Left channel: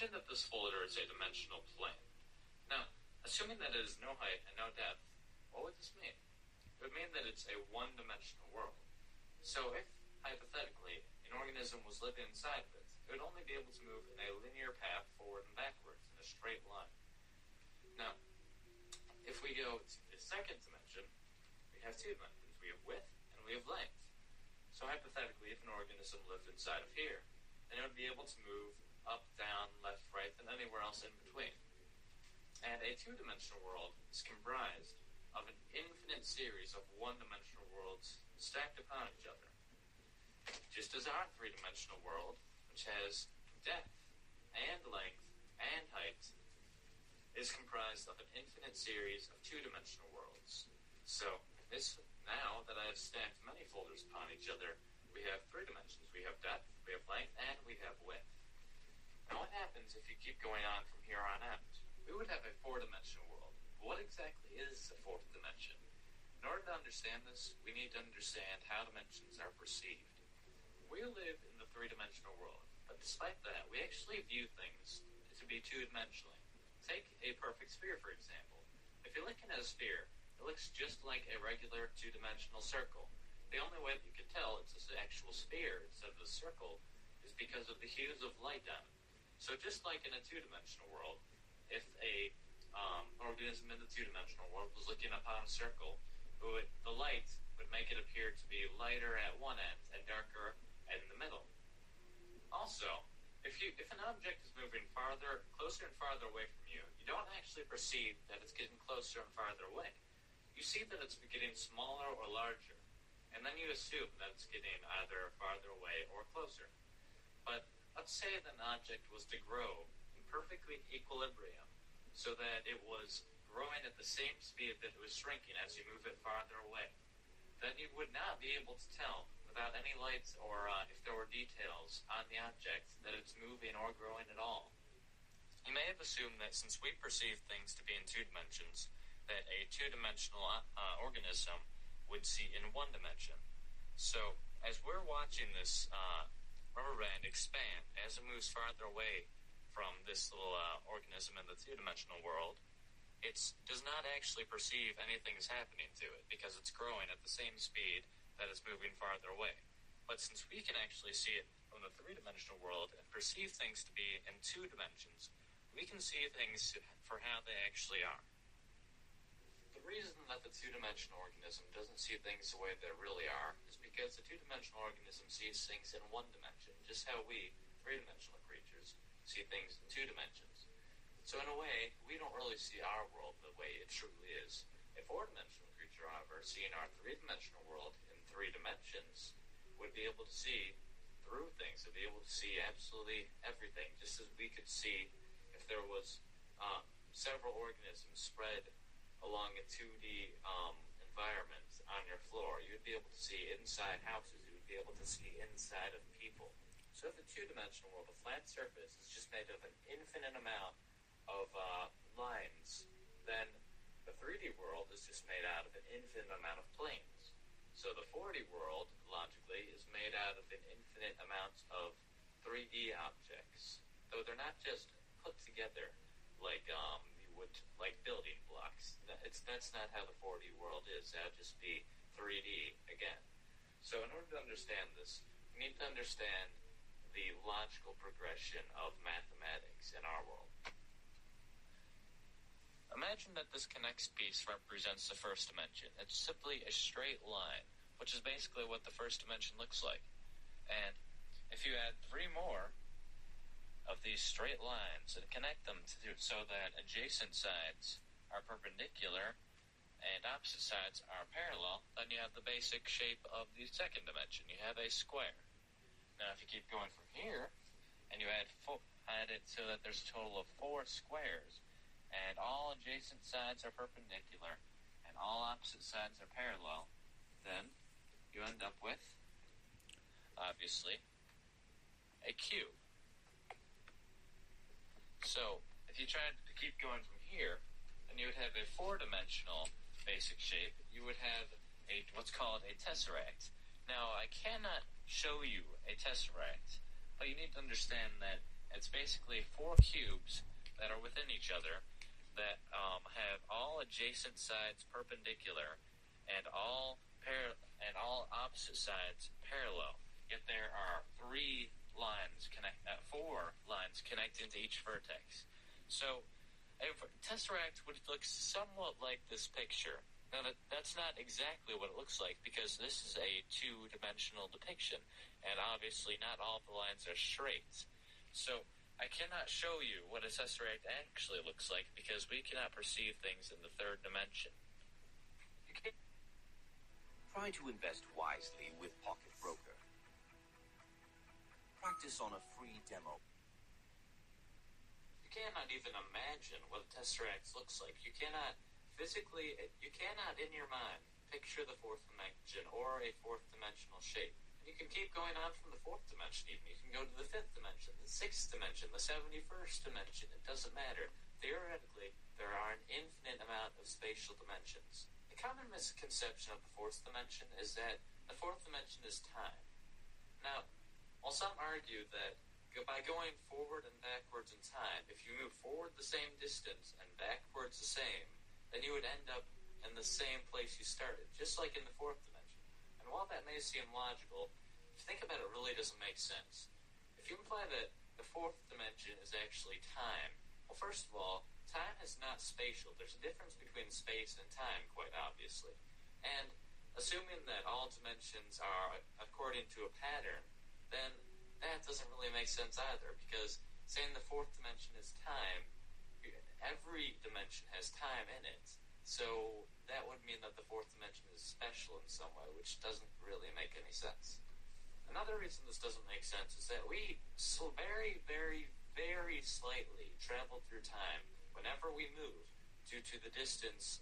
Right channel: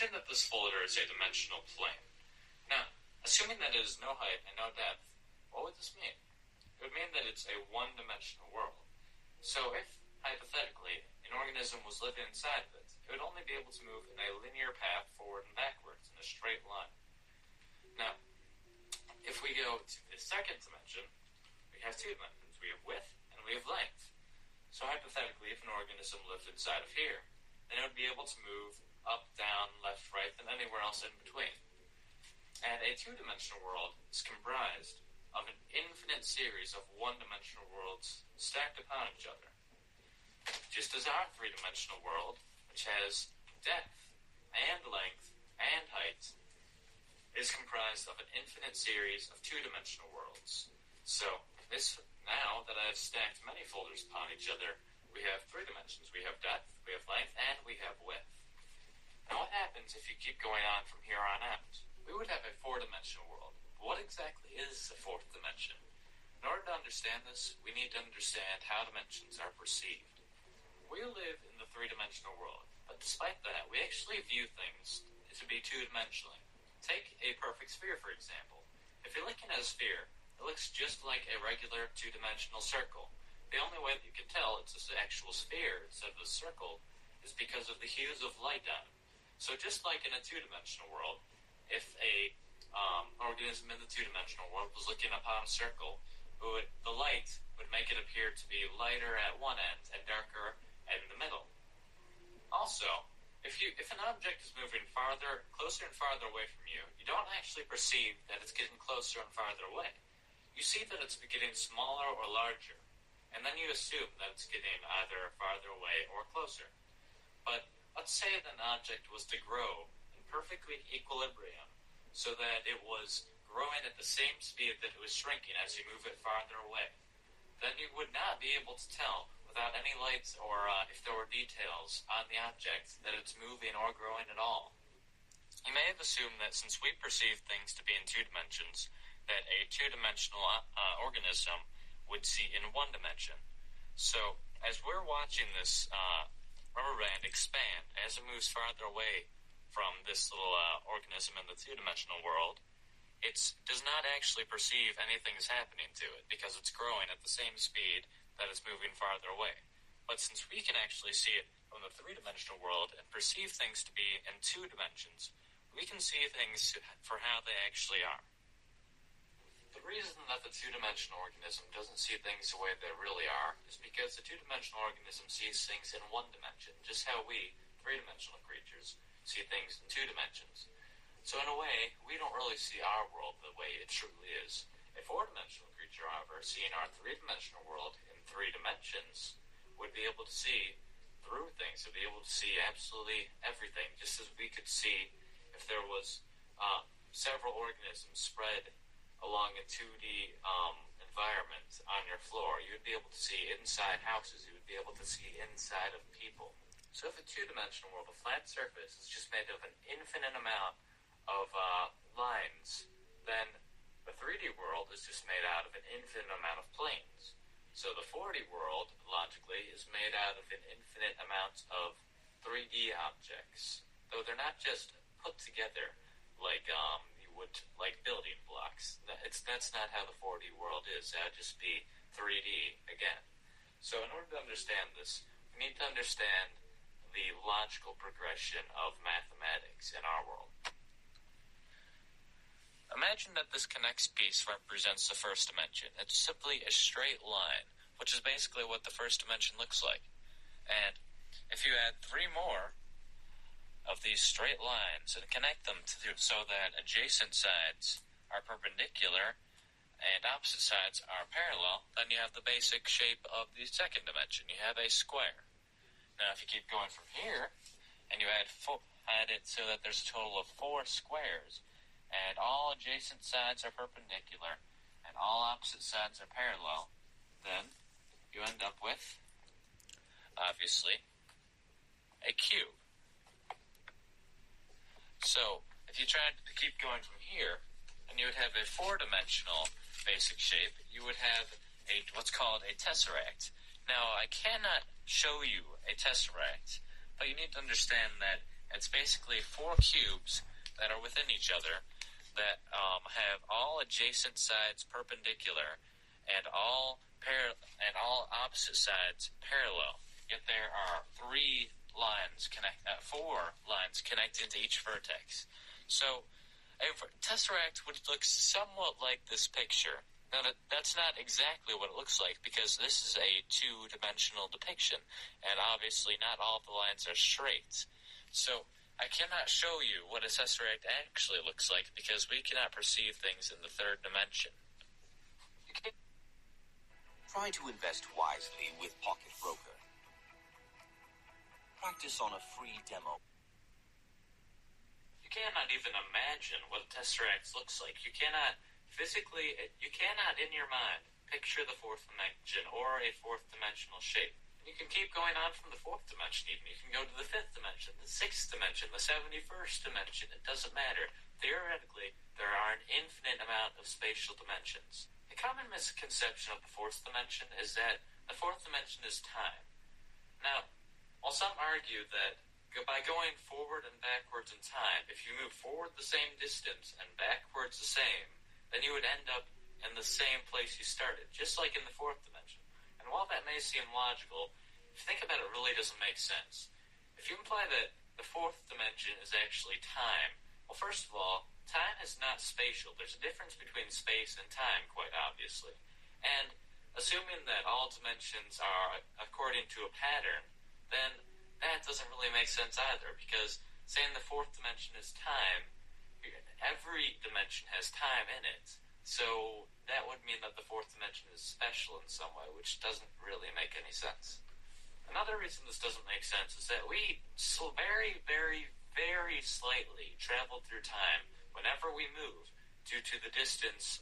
Imagine that this folder is a dimensional plane. Now, assuming that it is no height and no depth, what would this mean? It would mean that it's a one-dimensional world. So if, hypothetically, an organism was living inside of it, it would only be able to move in a linear path forward and backwards in a straight line. Now, if we go to the second dimension, we have two dimensions. We have width and we have length. So hypothetically, if an organism lived inside of here, then it would be able to move up, down, left, right, and anywhere else in between. And a two-dimensional world is comprised of an infinite series of one-dimensional worlds stacked upon each other. Just as our three-dimensional world, which has depth and length and height, is comprised of an infinite series of two-dimensional worlds. So, now that I've stacked many folders upon each other, we have three dimensions. We have depth, we have length, and we have width. Now what happens if you keep going on from here on out? We would have a four-dimensional world. But what exactly is the fourth dimension? In order to understand this, we need to understand how dimensions are perceived. We live in the three-dimensional world, but despite that, we actually view things to be two-dimensionally. Take a perfect sphere, for example. If you're looking at a sphere, it looks just like a regular two-dimensional circle. The only way that you can tell it's an actual sphere instead of a circle is because of the hues of light on it. So just like in a two-dimensional world, if a organism in the two-dimensional world was looking upon a circle, the light would make it appear to be lighter at one end and darker in the middle. Also, if an object is moving closer and farther away from you, you don't actually perceive that it's getting closer and farther away. You see that it's getting smaller or larger, and then you assume that it's getting either farther away or closer. But let's say that an object was to grow in perfectly equilibrium, so that it was growing at the same speed that it was shrinking as you move it farther away. Then you would not be able to tell, without any lights or if there were details on the object, that it's moving or growing at all. You may have assumed that since we perceive things to be in two dimensions, that a two-dimensional organism would see in one dimension. So, as we're watching this rubber band expand, as it moves farther away from this little organism in the two-dimensional world, it does not actually perceive anything is happening to it, because it's growing at the same speed that it's moving farther away. But since we can actually see it from the three-dimensional world and perceive things to be in two dimensions, we can see things for how they actually are. The reason that the two-dimensional organism doesn't see things the way they really are is because the two-dimensional organism sees things in one dimension, just how we, three-dimensional creatures, see things in two dimensions. So in a way, we don't really see our world the way it truly is. A four-dimensional creature, however, seeing our three-dimensional world in three dimensions, would be able to see through things, would be able to see absolutely everything, just as we could see if there was several organisms spread along a 2D environment on your floor. You would be able to see inside houses, you would be able to see inside of people. So if a two-dimensional world, a flat surface, is just made of an infinite amount of lines, then the 3D world is just made out of an infinite amount of planes. So the 4D world, logically, is made out of an infinite amount of 3D objects. Though they're not just put together like you would, like building blocks. That's not how the 4D world is. That would just be 3D again. So in order to understand this, we need to understand the logical progression of mathematics in our world. Imagine that this connects piece represents the first dimension. It's simply a straight line, which is basically what the first dimension looks like. And if you add three more of these straight lines and connect them so that adjacent sides are perpendicular and opposite sides are parallel, then you have the basic shape of the second dimension. You have a square. Now if you keep going from here and you add it so that there's a total of 4 squares, and all adjacent sides are perpendicular, and all opposite sides are parallel, then you end up with, obviously, a cube. So, if you tried to keep going from here, and you would have a 4-dimensional basic shape, you would have what's called a tesseract. Now, I cannot show you a tesseract, but you need to understand that It's basically four cubes that are within each other that have all adjacent sides perpendicular and all opposite sides parallel. Yet there are four lines connecting to each vertex. So a tesseract would look somewhat like this picture. Now, that's not exactly what it looks like, because this is a two-dimensional depiction, and obviously not all of the lines are straight. So I cannot show you what a tesseract actually looks like, because we cannot perceive things in the third dimension. Try to invest wisely with Pocket Broker. Practice on a free demo. You cannot even imagine what a tesseract looks like. You cannot in your mind picture the fourth dimension or a fourth dimensional shape. You can keep going on from the fourth dimension even. You can go to the fifth dimension, the sixth dimension, the 71st dimension. It doesn't matter. Theoretically, there are an infinite amount of spatial dimensions. A common misconception of the fourth dimension is that the fourth dimension is time. Now, while some argue that by going forward and backwards in time, if you move forward the same distance and backwards the same, then you would end up in the same place you started, just like in the fourth dimension. And while that may seem logical, if you think about it, it really doesn't make sense. If you imply that the fourth dimension is actually time, well, first of all, time is not spatial. There's a difference between space and time, quite obviously. And assuming that all dimensions are according to a pattern, then that doesn't really make sense either, because saying the fourth dimension is time, every dimension has time in it. So that would mean that the fourth dimension is special in some way, which doesn't really make any sense. Another reason this doesn't make sense is that we very, very, very slightly travel through time whenever we move due to the distance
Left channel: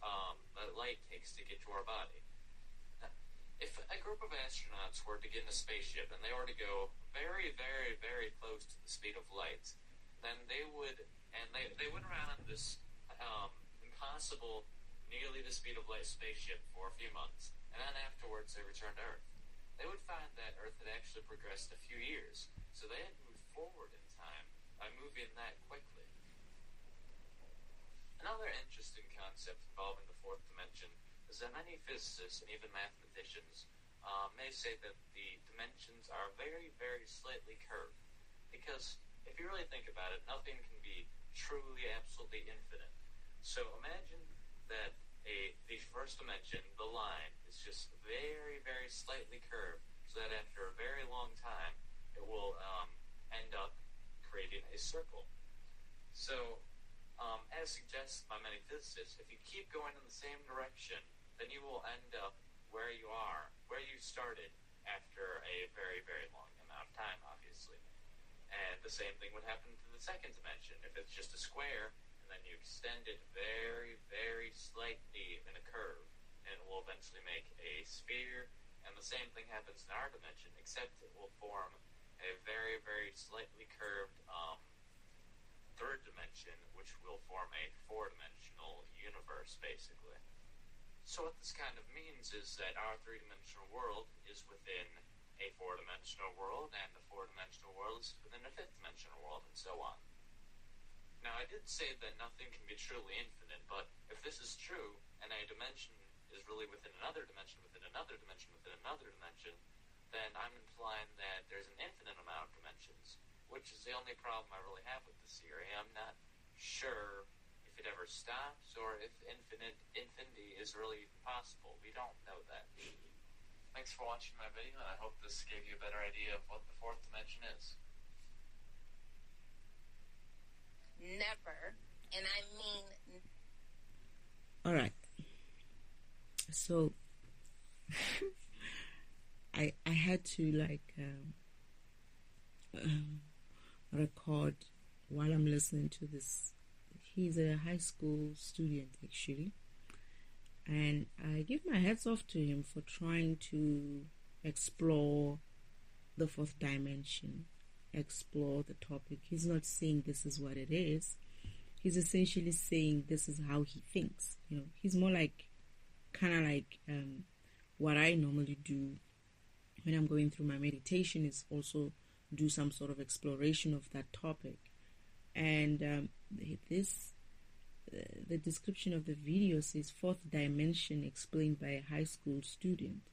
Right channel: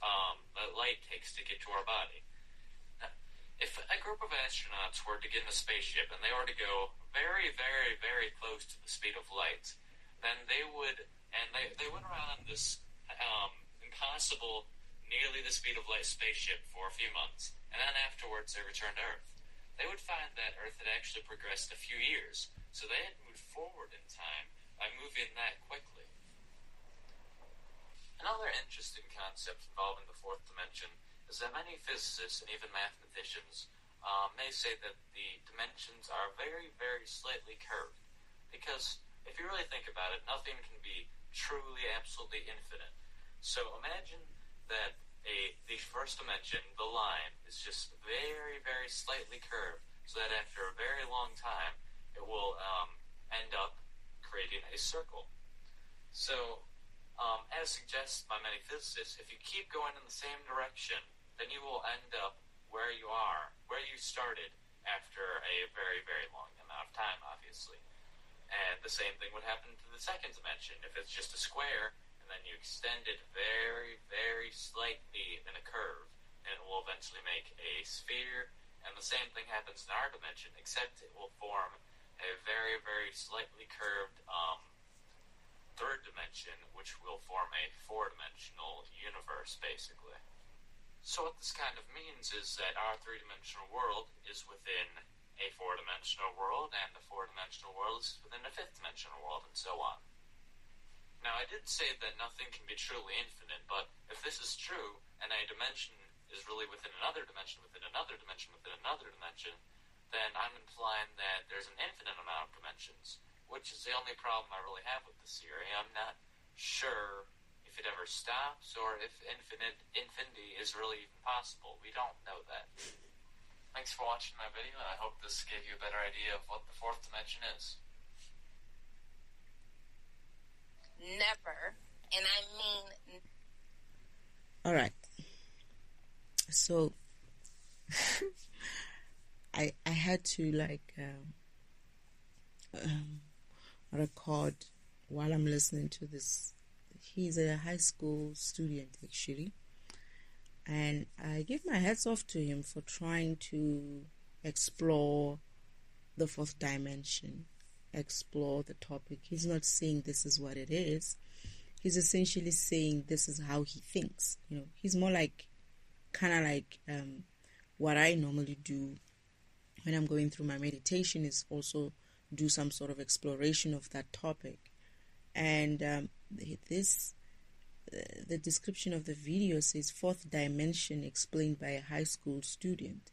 that light takes to get to our body. Now, if a group of astronauts were to get in a spaceship and they were to go very, very, very close to the speed of light, then they would run on this impossible, nearly the speed of light spaceship for a few months, and then afterwards they return to Earth. They would find that Earth had actually progressed a few years, so they had moved forward in time by moving that quickly. Another interesting concept involving the fourth dimension is that many physicists and even mathematicians may say that the dimensions are very, very slightly curved, because if you really think about it, nothing can be truly, absolutely infinite. So imagine that the first dimension, the line, is just very, very slightly curved, so that after a very long time, it will end up creating a circle. So, as suggested by many physicists, if you keep going in the same direction, then you will end up where you started after a very, very long amount of time, obviously. And the same thing would happen to the second dimension. If it's just a square, and then you extend it very, very slightly in a curve, and it will eventually make a sphere. And the same thing happens in our dimension, except it will form a very, very slightly curved third dimension, which will form a four-dimensional universe, basically. So what this kind of means is that our three-dimensional world is within a four-dimensional world, and the four-dimensional world is within a fifth-dimensional world, and so on. Now, I did say that nothing can be truly infinite, but if this is true, and a dimension is really within another dimension, within another dimension, within another dimension, then I'm implying that there's an infinite amount of dimensions, which is the only problem I really have with this theory. I'm not sure if it ever stops, or if infinity is really even possible. We don't know that. Thanks for watching my video, and I hope this gave you a better idea of what the fourth dimension is. Never, and I mean... Alright. So, I had to record while I'm listening to this. He's a high school student, actually. And I give my hats off to him for trying to explore the fourth dimension, explore the topic. He's not saying this is what it is. He's essentially saying this is how he thinks. He's more kind of like what I normally do when I'm going through my meditation, is also do some sort of exploration of that topic. And the description of the video says fourth dimension explained by a high school student.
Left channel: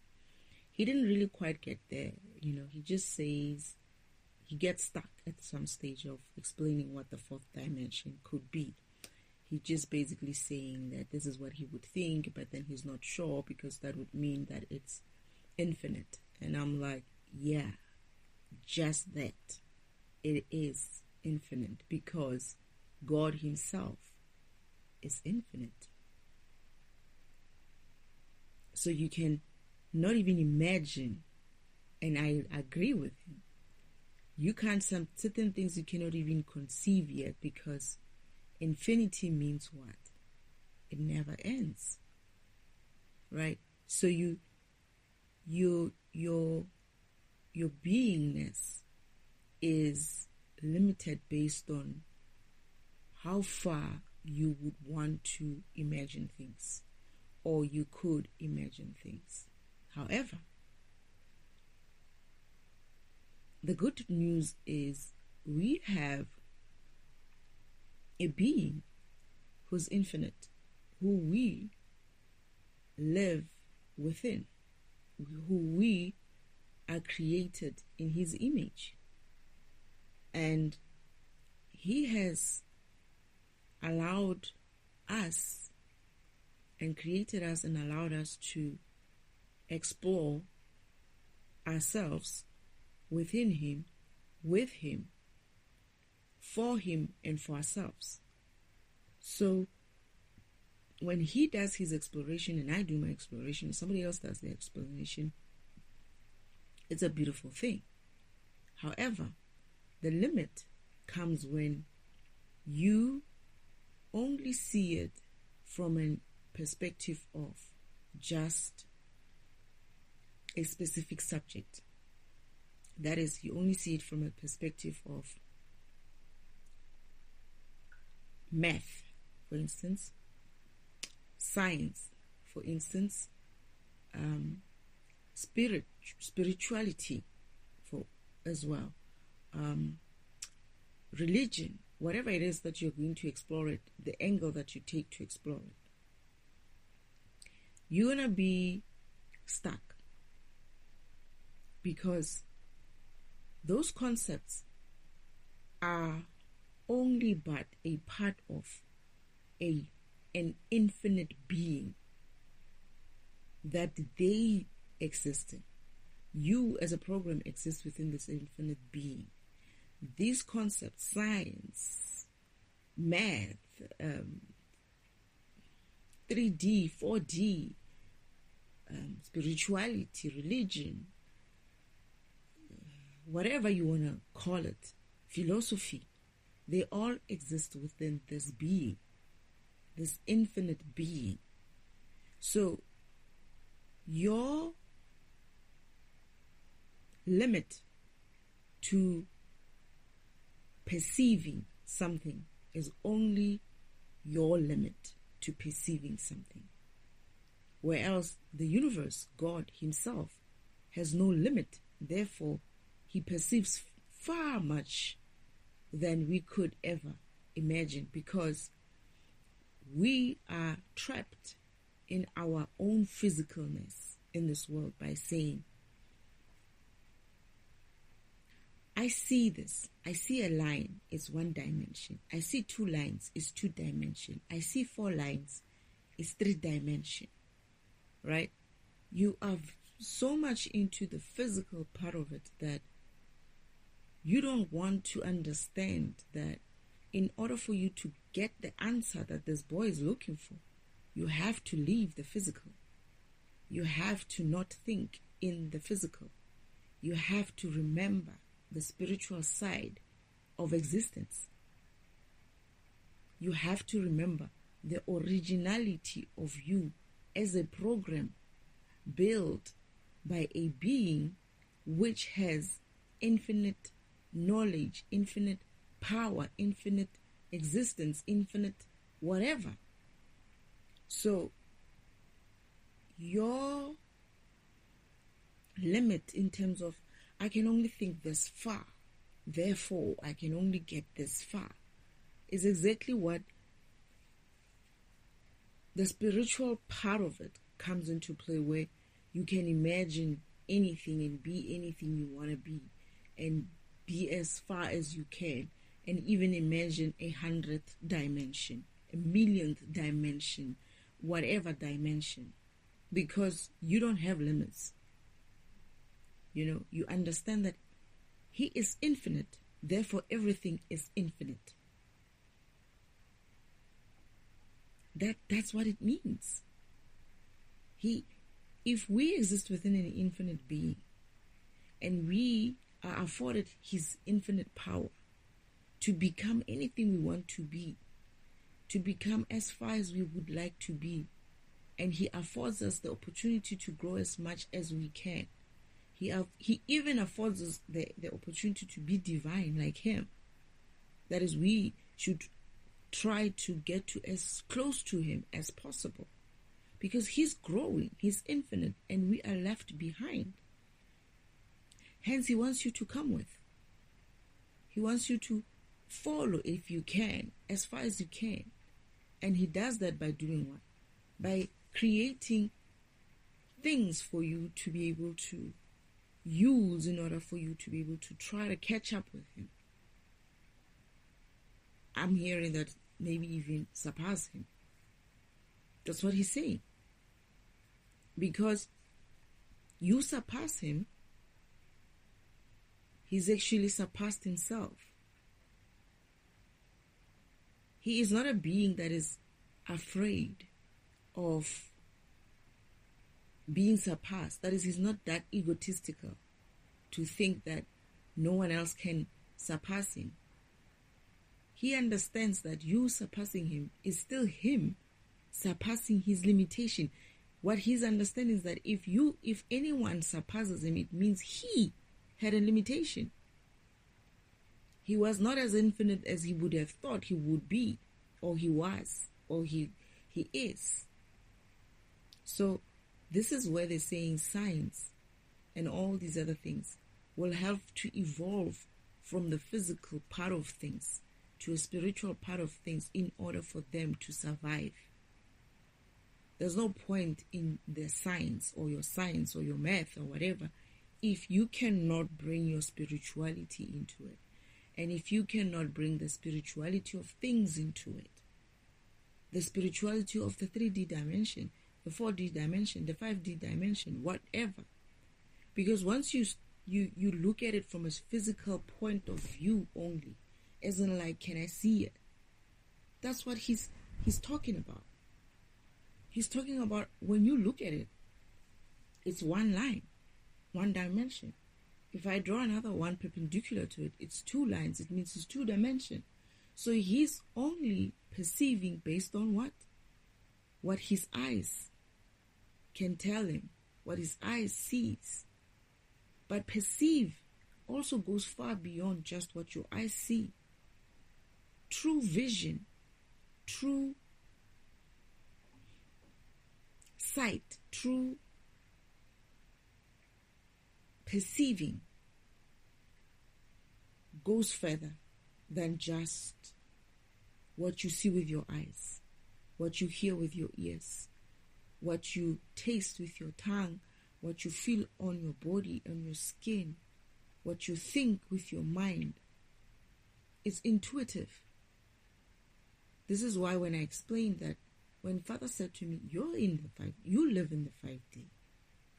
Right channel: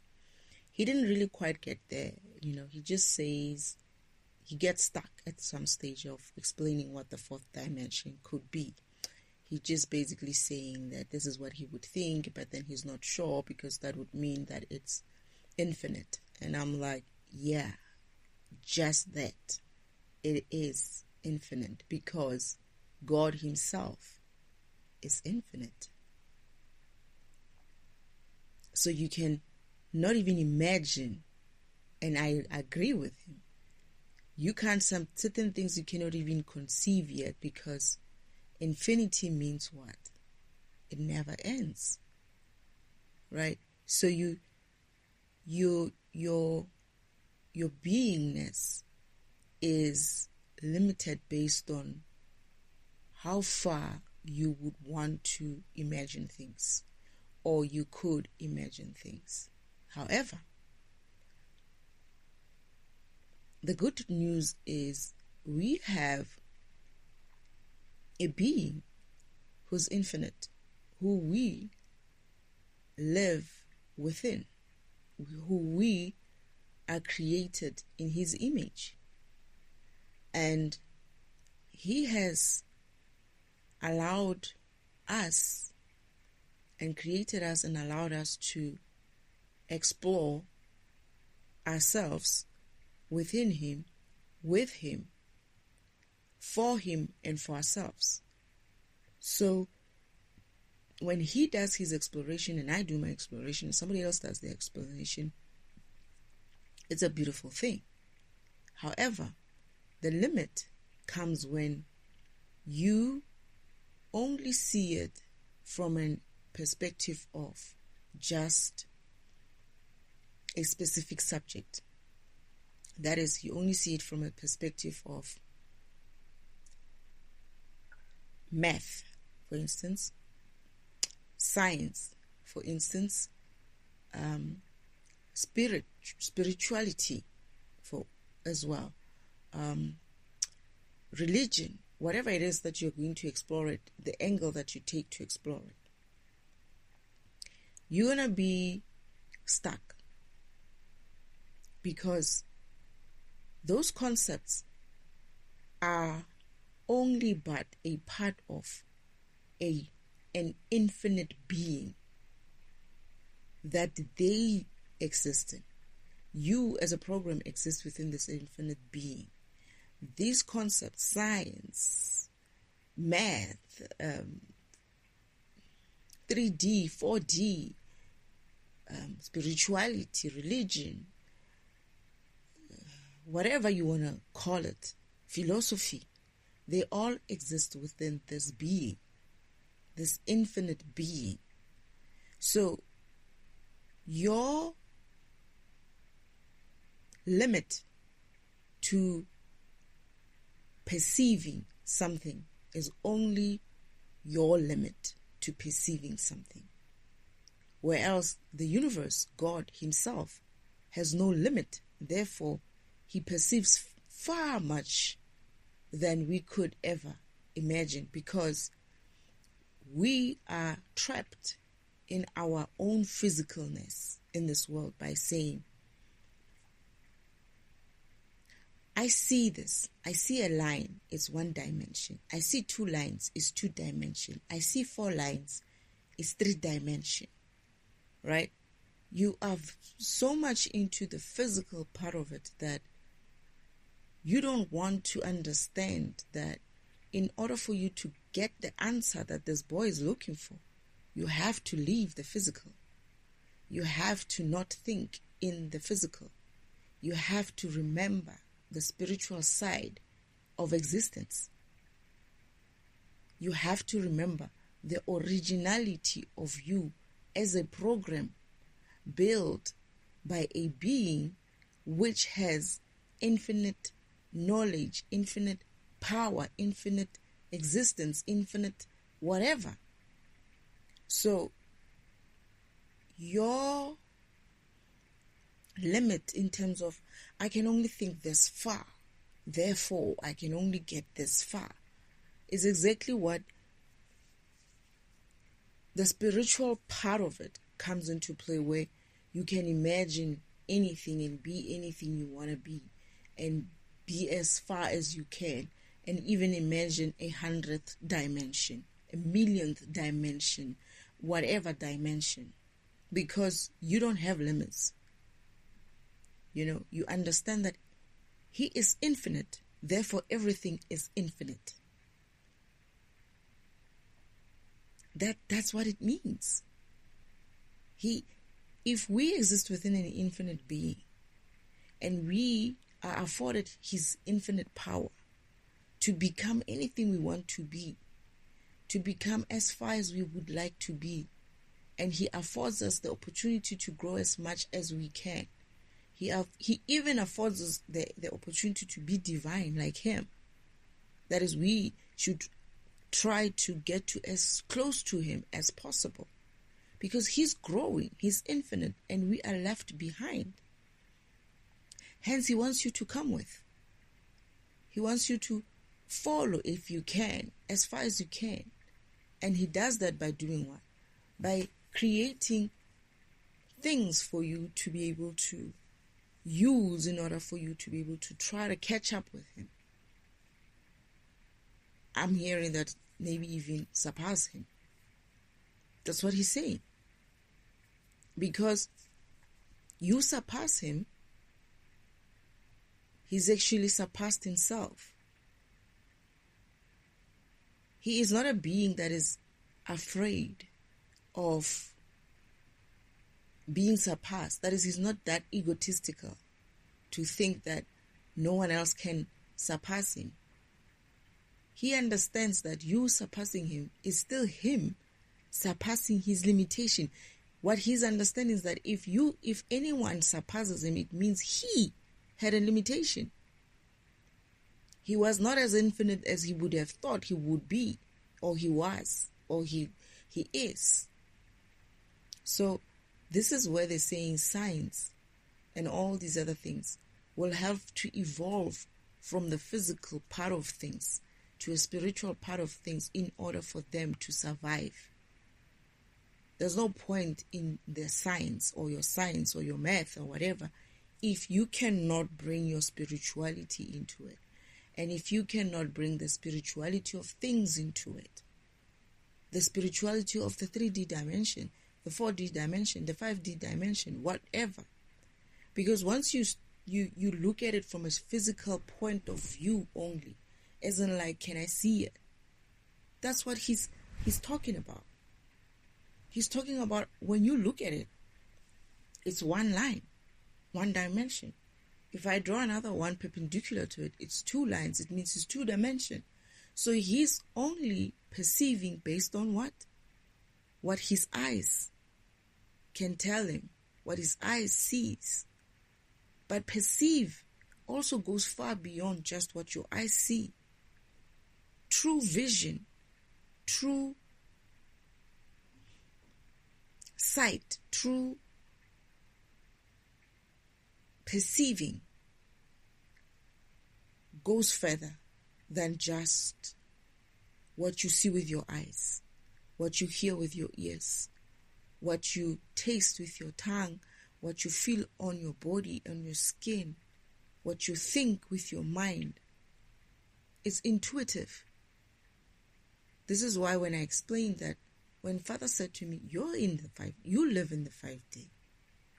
He didn't really quite get there, he just says he gets stuck at some stage of explaining what the fourth dimension could be. He's just basically saying that this is what he would think, but then he's not sure because that would mean that it's infinite. And I'm like, yeah, just that. It is infinite because God himself is infinite. So you can not even imagine, and I agree with him, you can't, certain things you cannot even conceive yet, because infinity means what? It never ends, right? So your beingness is limited based on how far you would want to imagine things, or you could imagine things. However, the good news is we have a being who's infinite, who we live within, who we are created in his image. And he has allowed us and created us and allowed us to explore ourselves within him, with him, for him, and for ourselves. So when he does his exploration and I do my exploration, somebody else does the exploration, it's a beautiful thing. However, the limit comes when you only see it from a perspective of just a specific subject. That is, you only see it from a perspective of math, for instance, science, for instance, spirituality, as well, religion, whatever it is that you're going to explore it, the angle that you take to explore it, you're going to be stuck, because those concepts are only but a part of an infinite being that they exist in. You as a program exist within this infinite being. These concepts, science, math, 3D, 4D, spirituality, religion, whatever you want to call it, philosophy, they all exist within this being, this infinite being. So your limit to perceiving something is only your limit to perceiving something. Whereas the universe, God himself, has no limit. Therefore, he perceives far much than we could ever imagine, because we are trapped in our own physicalness in this world by saying, I see this. I see a line, it's one dimension. I see 2 lines, it's 2 dimension. I see 4 lines, it's 3 dimension. Right? You are so much into the physical part of it that you don't want to understand that in order for you to get the answer that this boy is looking for, you have to leave the physical. You have to not think in the physical. You have to remember the spiritual side of existence. You have to remember the originality of you as a program built by a being which has infinite knowledge, infinite power, infinite existence, infinite whatever. So your limit in terms of, I can only think this far, therefore I can only get this far. It's exactly what the spiritual part of it comes into play, where you can imagine anything and be anything you want to be, and be as far as you can, and even imagine 100th dimension, 1,000,000th dimension, whatever dimension, because you don't have limits. You understand that he is infinite, therefore everything is infinite. That's what it means. If we exist within an infinite being, and we are afforded his infinite power to become anything we want to be, to become as far as we would like to be, and he affords us the opportunity to grow as much as we can. He even affords us the opportunity to be divine like him. That is, we should try to get to as close to him as possible, because he's growing, he's infinite, and we are left behind. Hence, he wants you to come with. He wants you to follow if you can, as far as you can. And he does that by doing what? By creating things for you to be able to use in order for you to be able to try to catch up with him. I'm hearing that maybe even surpass him. That's what he's saying. Because you surpass him, he's actually surpassed himself. He is not a being that is afraid of being surpassed. That is, he's not that egotistical to think that no one else can surpass him. He understands that you surpassing him is still him surpassing his limitation. What he's understanding is that if anyone surpasses him, it means he had a limitation. He was not as infinite as he would have thought he would be, or he was, or he is. So this is where they're saying science and all these other things will have to evolve from the physical part of things to a spiritual part of things in order for them to survive. There's no point in the science or your math or whatever if you cannot bring your spirituality into it, and if you cannot bring the spirituality of things into it, the spirituality of the 3D dimension, the 4D dimension, the 5D dimension, whatever. Because once you look at it from a physical point of view only, as in like, can I see it? That's what he's talking about. He's talking about when you look at it, it's one line, one dimension. If I draw another one perpendicular to it, it's two lines. It means it's 2 dimension. So he's only perceiving based on what? What his eyes can tell him, what his eyes sees. But perceive also goes far beyond just what your eyes see. True vision, true sight, true perceiving goes further than just what you see with your eyes, what you hear with your ears, what you taste with your tongue, what you feel on your body, on your skin, what you think with your mind. It's intuitive. This is why when I explained that, when Father said to me, you live in the 5D.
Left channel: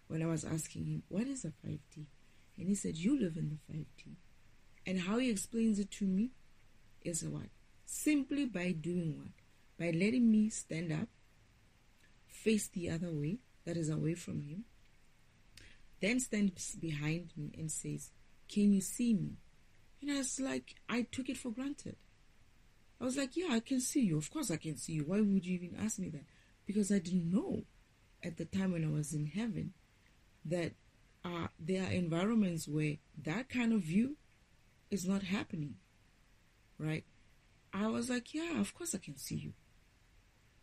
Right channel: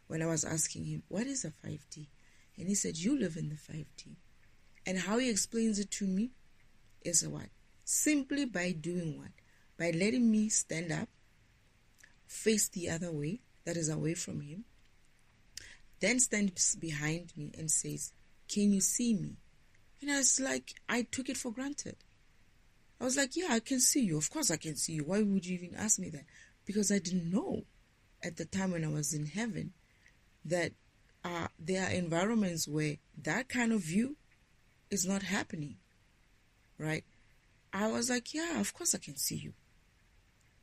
When I was asking him, what is a 5D? And he said, you live in the 5D. And how he explains it to me is what? Simply by doing what? By letting me stand up, face the other way, that is away from him, then stands behind me and says, can you see me? And I was like, I took it for granted. I was like, yeah, I can see you. Of course I can see you. Why would you even ask me that? Because I didn't know at the time when I was in heaven that there are environments where that kind of view is not happening, right? I was like, yeah, of course I can see you.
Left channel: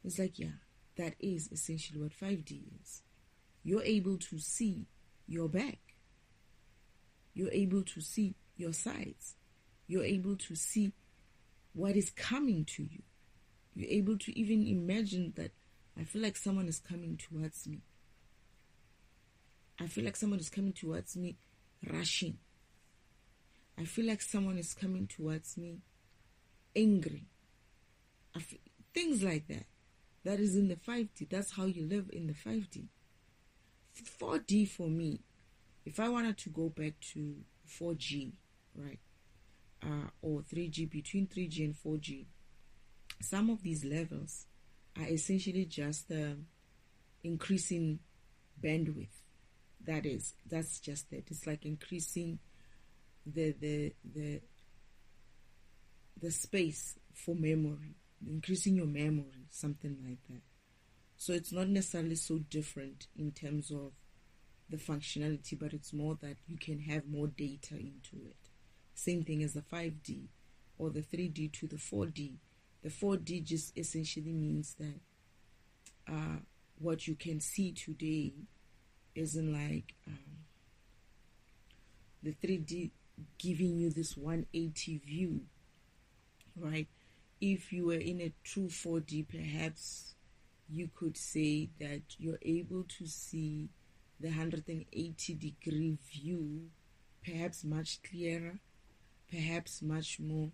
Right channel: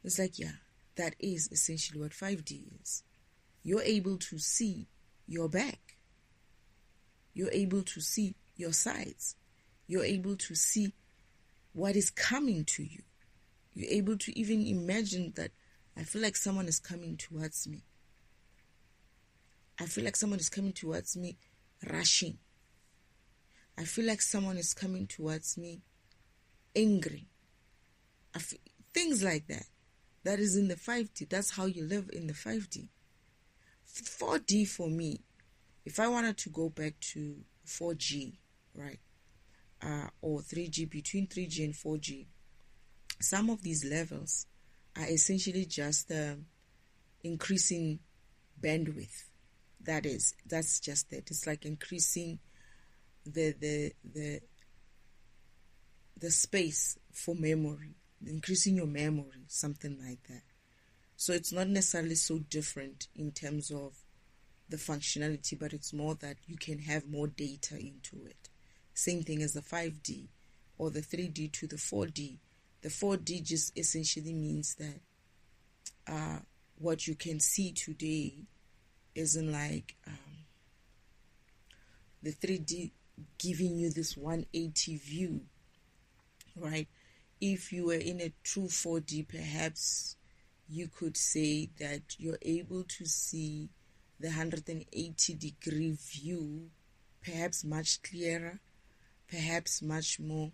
It's like, yeah, that is essentially what 5D is. You're able to see your back. You're able to see your sides. You're able to see what is coming to you. You're able to even imagine that I feel like someone is coming towards me. I feel like someone is coming towards me rushing. I feel like someone is coming towards me angry. Things like that. That is in the 5D. That's how you live in the 5D. 4D for me, if I wanted to go back to 4G, right, or 3G, between 3G and 4G, some of these levels are essentially just increasing bandwidth. That's just it. It's like increasing the space for memory, increasing your memory, something like that. So it's not necessarily so different in terms of the functionality, but it's more that you can have more data into it. Same thing as the 5D or the 3D to the 4D. The 4D just essentially means that what you can see today isn't like the 3D giving you this 180 view, right? If you were in a true 4D, perhaps you could say that you're able to see the 180-degree view, perhaps much clearer, perhaps much more.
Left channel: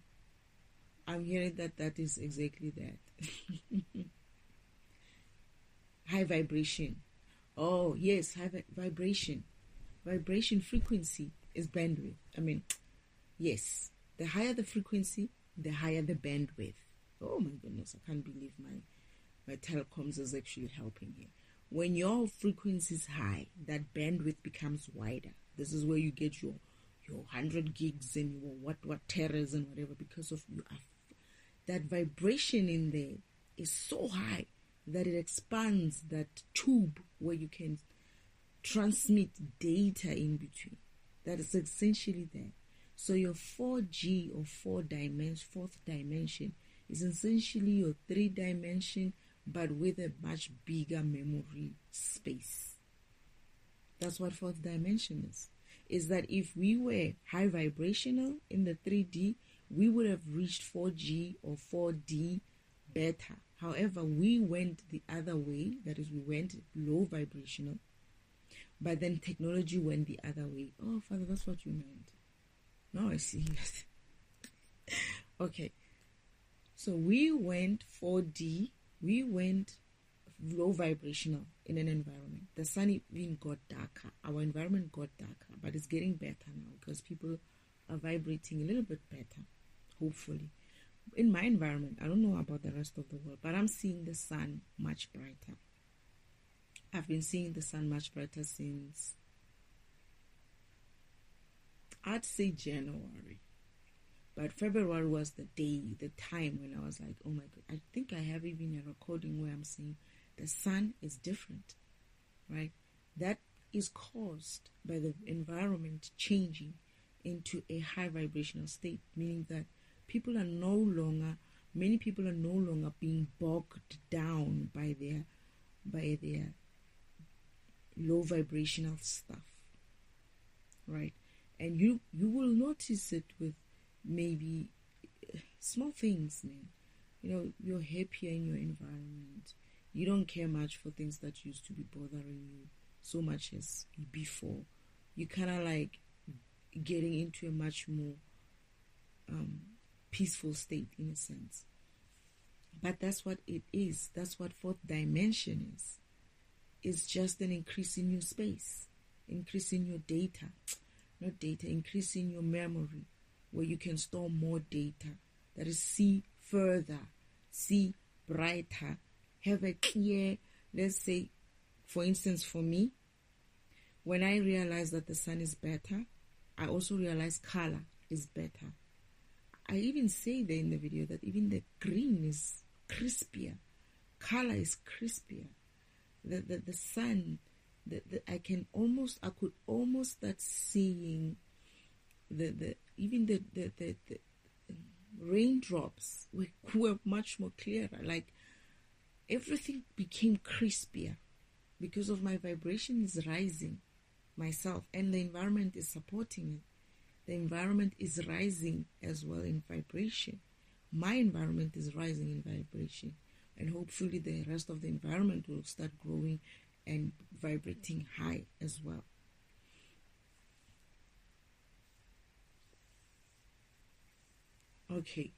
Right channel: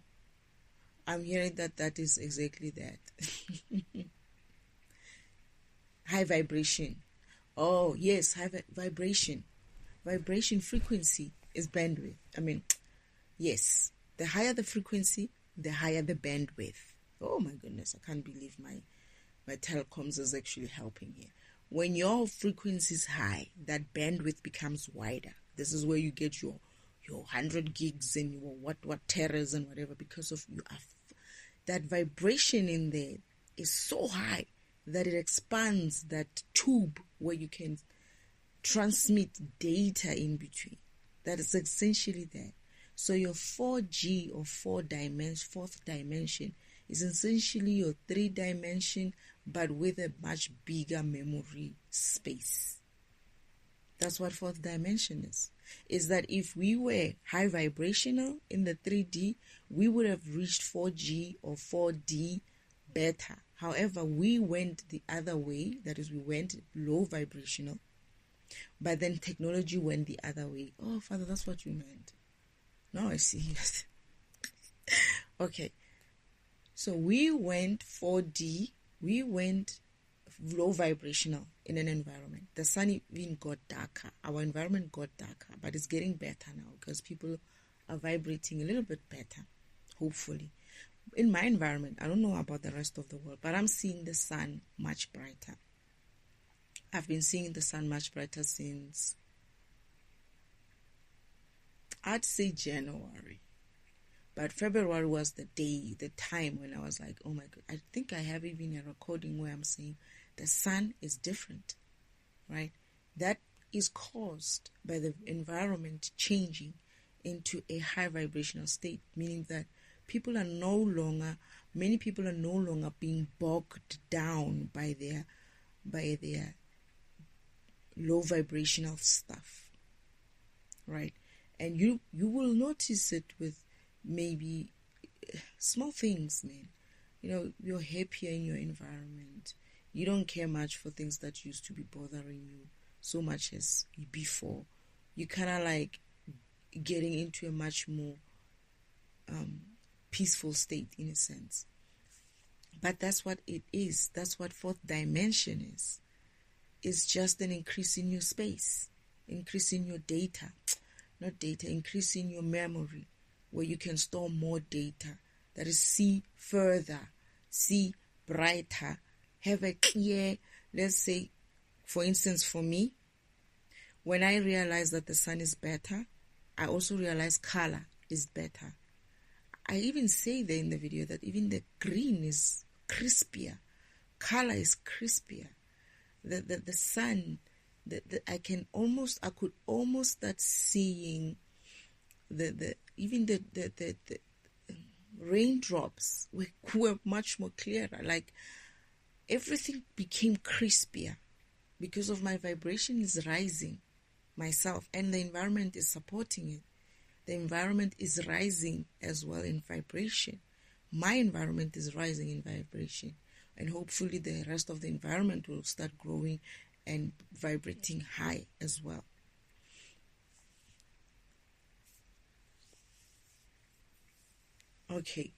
I'm hearing that is exactly that. High vibration. Oh, yes, high vibration. Vibration frequency is bandwidth. Yes, the higher the frequency, the higher the bandwidth. Oh my goodness, I can't believe my telecoms is actually helping here. When your frequency is high, that bandwidth becomes wider. This is where you get your 100 gigs and your what terras and whatever, because of that vibration in there is so high that it expands that tube where you can transmit data in between. That is essentially that. So your 4G or fourth dimension is essentially your 3-dimension, but with a much bigger memory space. That's what fourth dimension is. Is that if we were high vibrational in the 3D, we would have reached 4G or 4D better. However, we went the other way. That is, we went low vibrational. But then technology went the other way. Oh, Father, that's what you meant. Now I see. Okay. So we went 4D. We went low vibrational in an environment. The sun even got darker. Our environment got darker, but it's getting better now because people are vibrating a little bit better, hopefully. In my environment, I don't know about the rest of the world, but I'm seeing the sun much brighter. I've been seeing the sun much brighter since, I'd say January. But February was the time when I was like, oh my God. I think I have even a recording where I'm saying the sun is different, right? That is caused by the environment changing into a high vibrational state, meaning that many people are no longer being bogged down by their low vibrational stuff, right? And you will notice it with maybe small things, man. You're happier in your environment. You don't care much for things that used to be bothering you so much as before. You kind of like getting into a much more peaceful state in a sense. But that's what it is. That's what fourth dimension is. It's just an increase in your space, increase in your data, increase in your memory, where you can store more data. That is, see further, see brighter, have a clear, let's say, for instance, for me, when I realize that the sun is better, I also realize color is better. I even say there in the video that even the green is crispier, color is crispier. The sun, I could almost start seeing the raindrops were much more clearer. Like everything became crispier because of my vibration is rising myself, and the environment is supporting it. the environment is rising as well in vibration. My environment is rising in vibration, and hopefully the rest of the environment will start growing and vibrating high as well. Okay.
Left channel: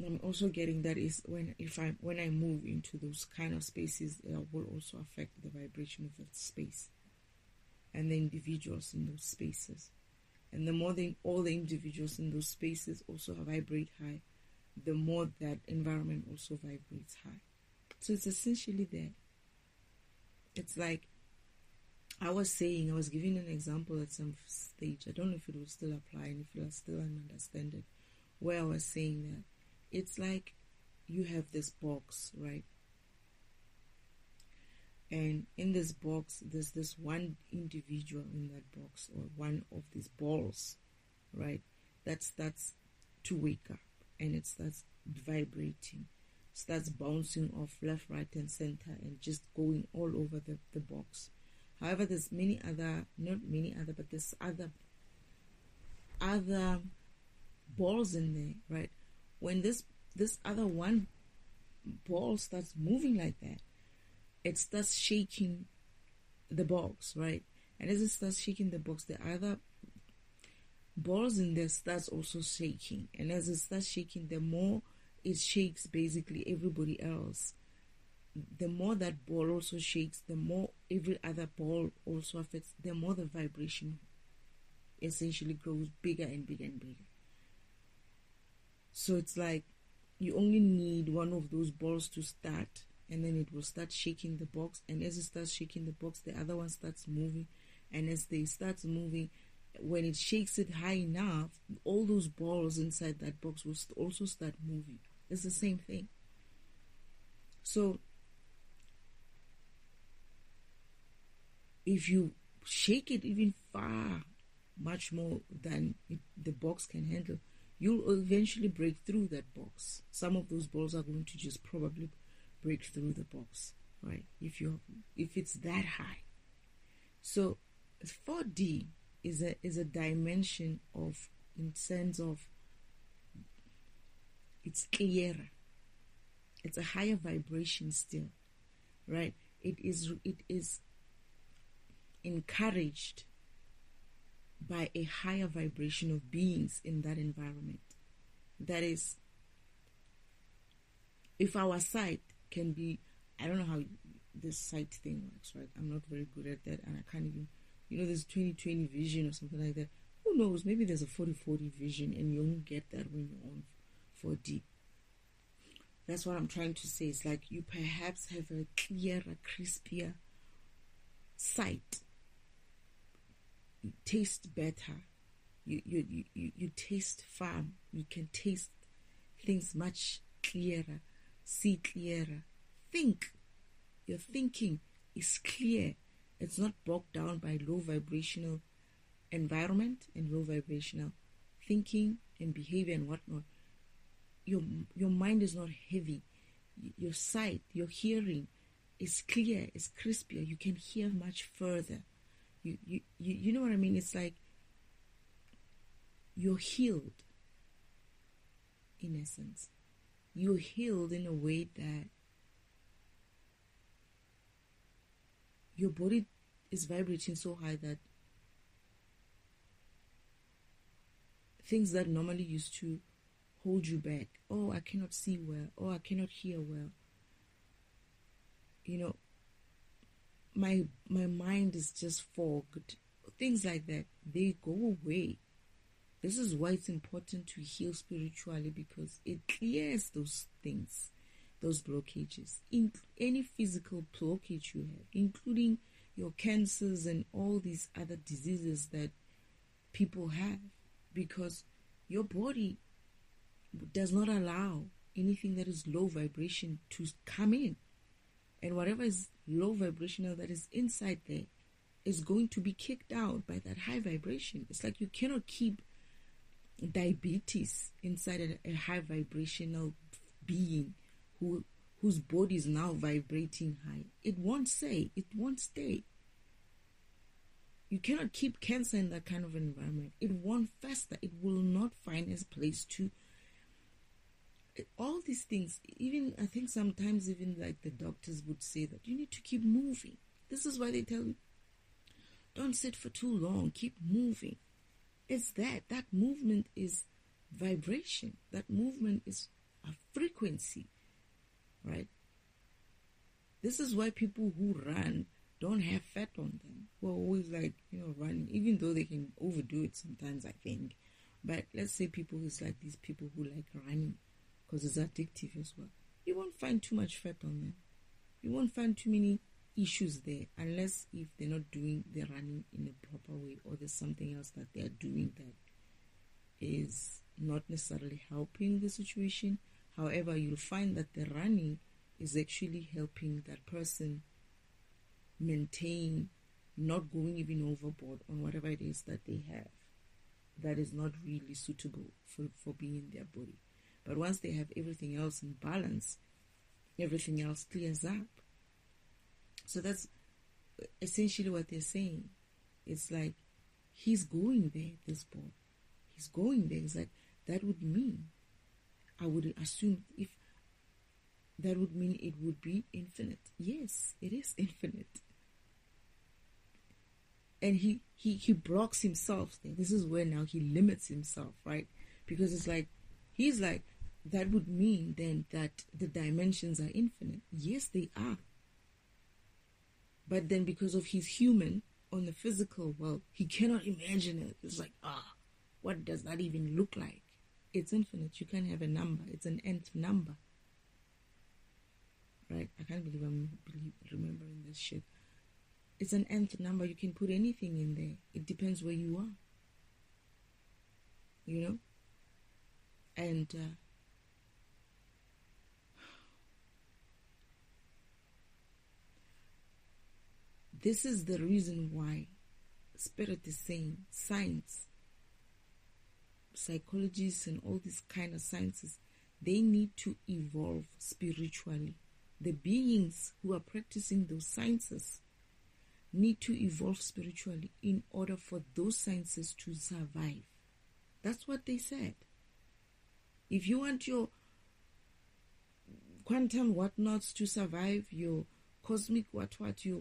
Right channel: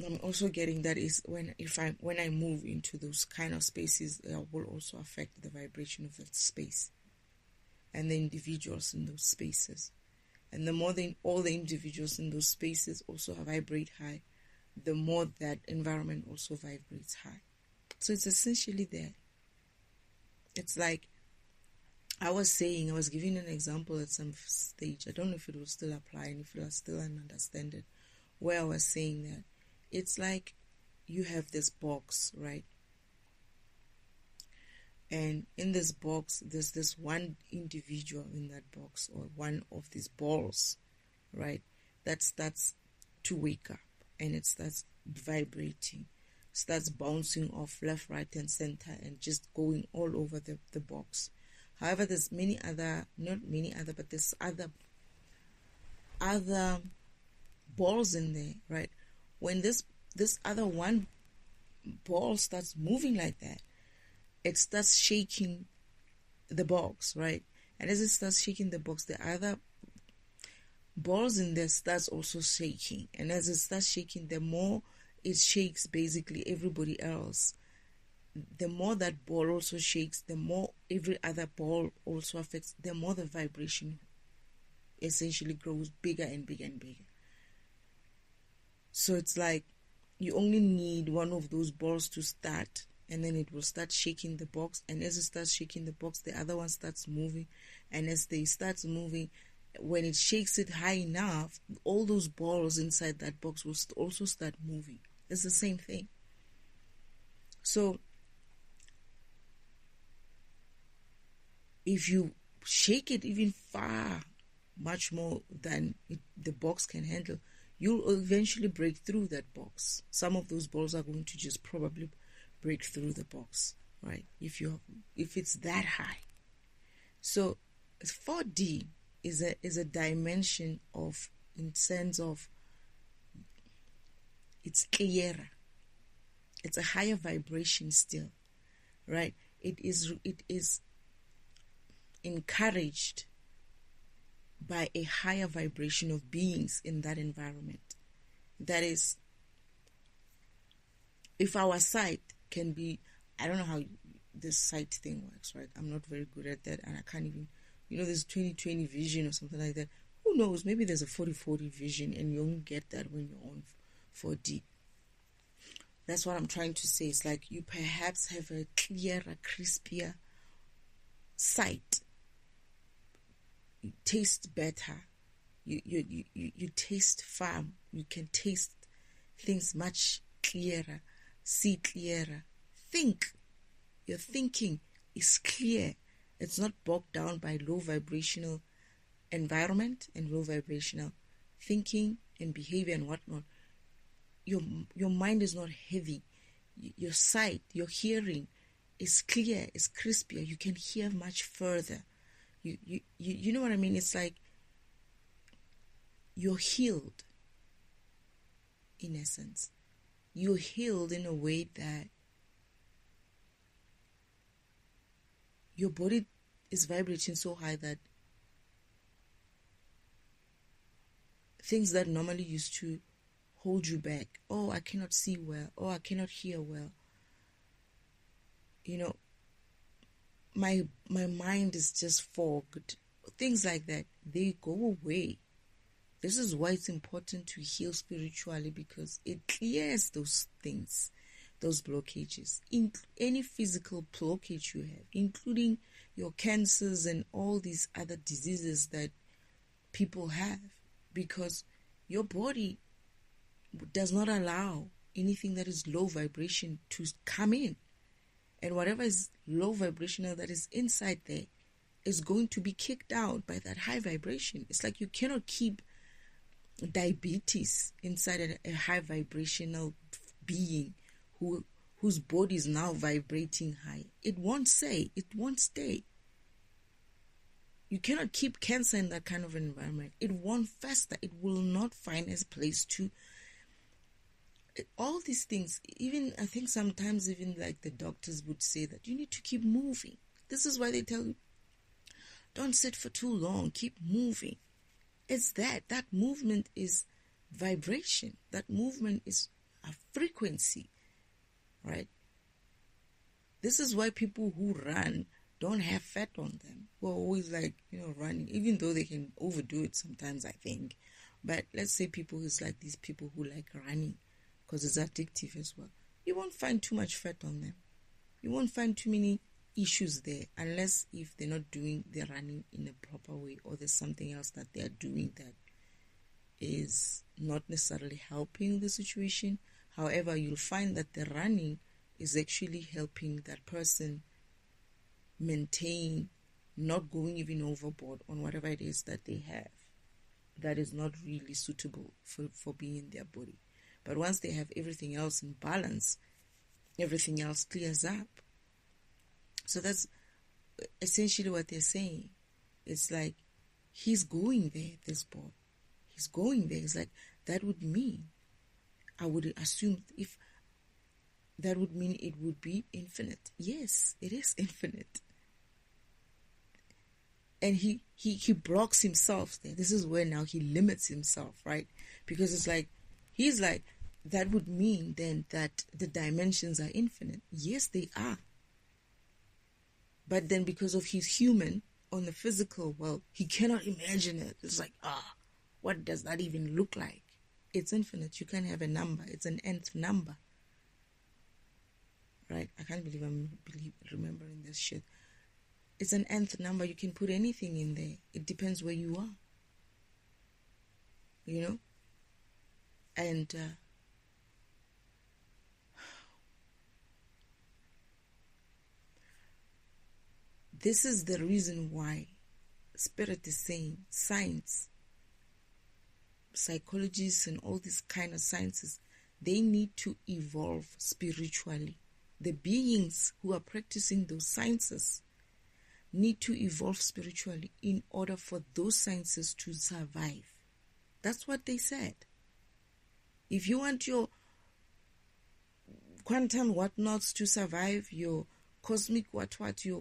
I'm also getting that is when I move into those kind of spaces, it will also affect the vibration of that space and the individuals in those spaces. And the more all the individuals in those spaces also vibrate high, the more that environment also vibrates high. So it's essentially there. It's like I was giving an example at some stage. I don't know if it will still apply and if I still understand it, where I was saying that it's like you have this box, right? And in this box, there's this one individual in that box, or one of these balls, right? That starts to wake up and it starts vibrating, starts bouncing off left, right, and center and just going all over the box. However, there's but there's other balls in there, right? When this other one ball starts moving like that, it starts shaking the box, right? And as it starts shaking the box, the other balls in there starts also shaking. And as it starts shaking, the more it shakes basically everybody else. The more that ball also shakes, the more every other ball also affects, the more the vibration essentially grows bigger and bigger and bigger. So it's like you only need one of those balls to start, and then it will start shaking the box. And as it starts shaking the box, the other one starts moving. And as they start moving, when it shakes it high enough, all those balls inside that box will also start moving. It's the same thing. So if you shake it even far, much more than the box can handle, you'll eventually break through that box. Some of those balls are going to just probably break through the box, right? If it's that high. So 4D is a dimension of, in sense of, it's clearer. It's a higher vibration still, right? It is encouraged by a higher vibration of beings in that environment. That is, if our sight can be, I don't know how this sight thing works, right? I'm not very good at that, and I can't even, there's 20/20 vision or something like that. Who knows? Maybe there's a 40/40 vision, and you only get that when you're on 4D. That's what I'm trying to say. It's like you perhaps have a clearer, crispier sight. You taste better. You taste firm. You can taste things much clearer, see clearer, think. Your thinking is clear. It's not bogged down by low vibrational environment and low vibrational thinking and behavior and whatnot. Your mind is not heavy. Your sight, your hearing is clear, is crispier. You can hear much further. You know what I mean? It's like you're healed, in essence. You're healed in a way that your body is vibrating so high that things that normally used to hold you back, oh, I cannot see well, oh, I cannot hear well, my mind is just fogged, things like that, they go away. This is why it's important to heal spiritually, because it clears those things, those blockages, in any physical blockage you have, including your cancers and all these other diseases that people have, because your body does not allow anything that is low vibration to come in. And whatever is low vibrational that is inside there is going to be kicked out by that high vibration. It's like you cannot keep diabetes inside a high vibrational being whose body is now vibrating high. It won't stay. You cannot keep cancer in that kind of environment. It won't fester. It will not find a place to. All these things, even I think sometimes even like the doctors would say that you need to keep moving. This is why they tell you, don't sit for too long, keep moving. It's that movement is vibration. That movement is a frequency, right? This is why people who run don't have fat on them. We're always like, running, even though they can overdo it sometimes, I think. But let's say people who's like these people who like running because it's addictive as well. You won't find too much fat on them. You won't find too many issues there unless if they're not doing their running in a proper way or there's something else that they're doing that is not necessarily helping the situation. However, you'll find that the running is actually helping that person maintain not going even overboard on whatever it is that they have that is not really suitable for being in their body. But once they have everything else in balance, everything else clears up. So that's essentially what they're saying. It's like, he's going there, this boy. He's going there. It's like, that would mean, I would assume, if that would mean it would be infinite. Yes, it is infinite. And he blocks himself there. This is where now he limits himself, right? Because it's like, he's like, that would mean then that the dimensions are infinite. Yes, they are. But then because of he's human on the physical world, he cannot imagine it. It's like, what does that even look like? It's infinite. You can't have a number. It's an nth number. Right? I can't believe I'm remembering this shit. It's an nth number. You can put anything in there. It depends where you are. And this is the reason why Spirit is saying science, psychologists and all these kind of sciences, they need to evolve spiritually. The beings who are practicing those sciences need to evolve spiritually in order for those sciences to survive. That's what they said. If you want your quantum whatnots to survive, your cosmic your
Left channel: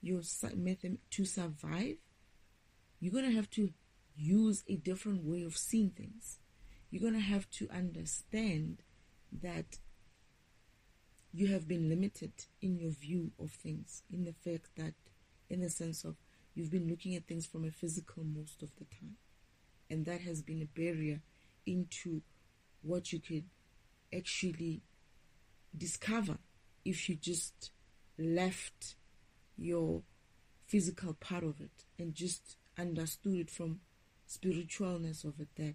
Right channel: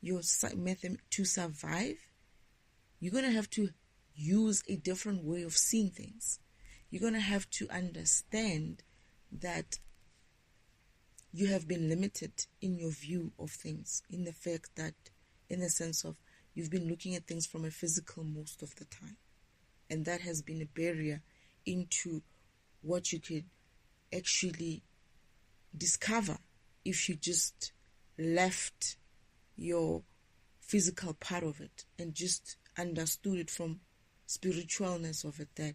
your method to survive, you're going to have to use a different way of seeing things. You're going to have to understand that you have been limited in your view of things, in the fact that, in the sense of, you've been looking at things from a physical most of the time. And that has been a barrier into what you could actually discover if you just left your physical part of it and just understood it from spiritualness of it, that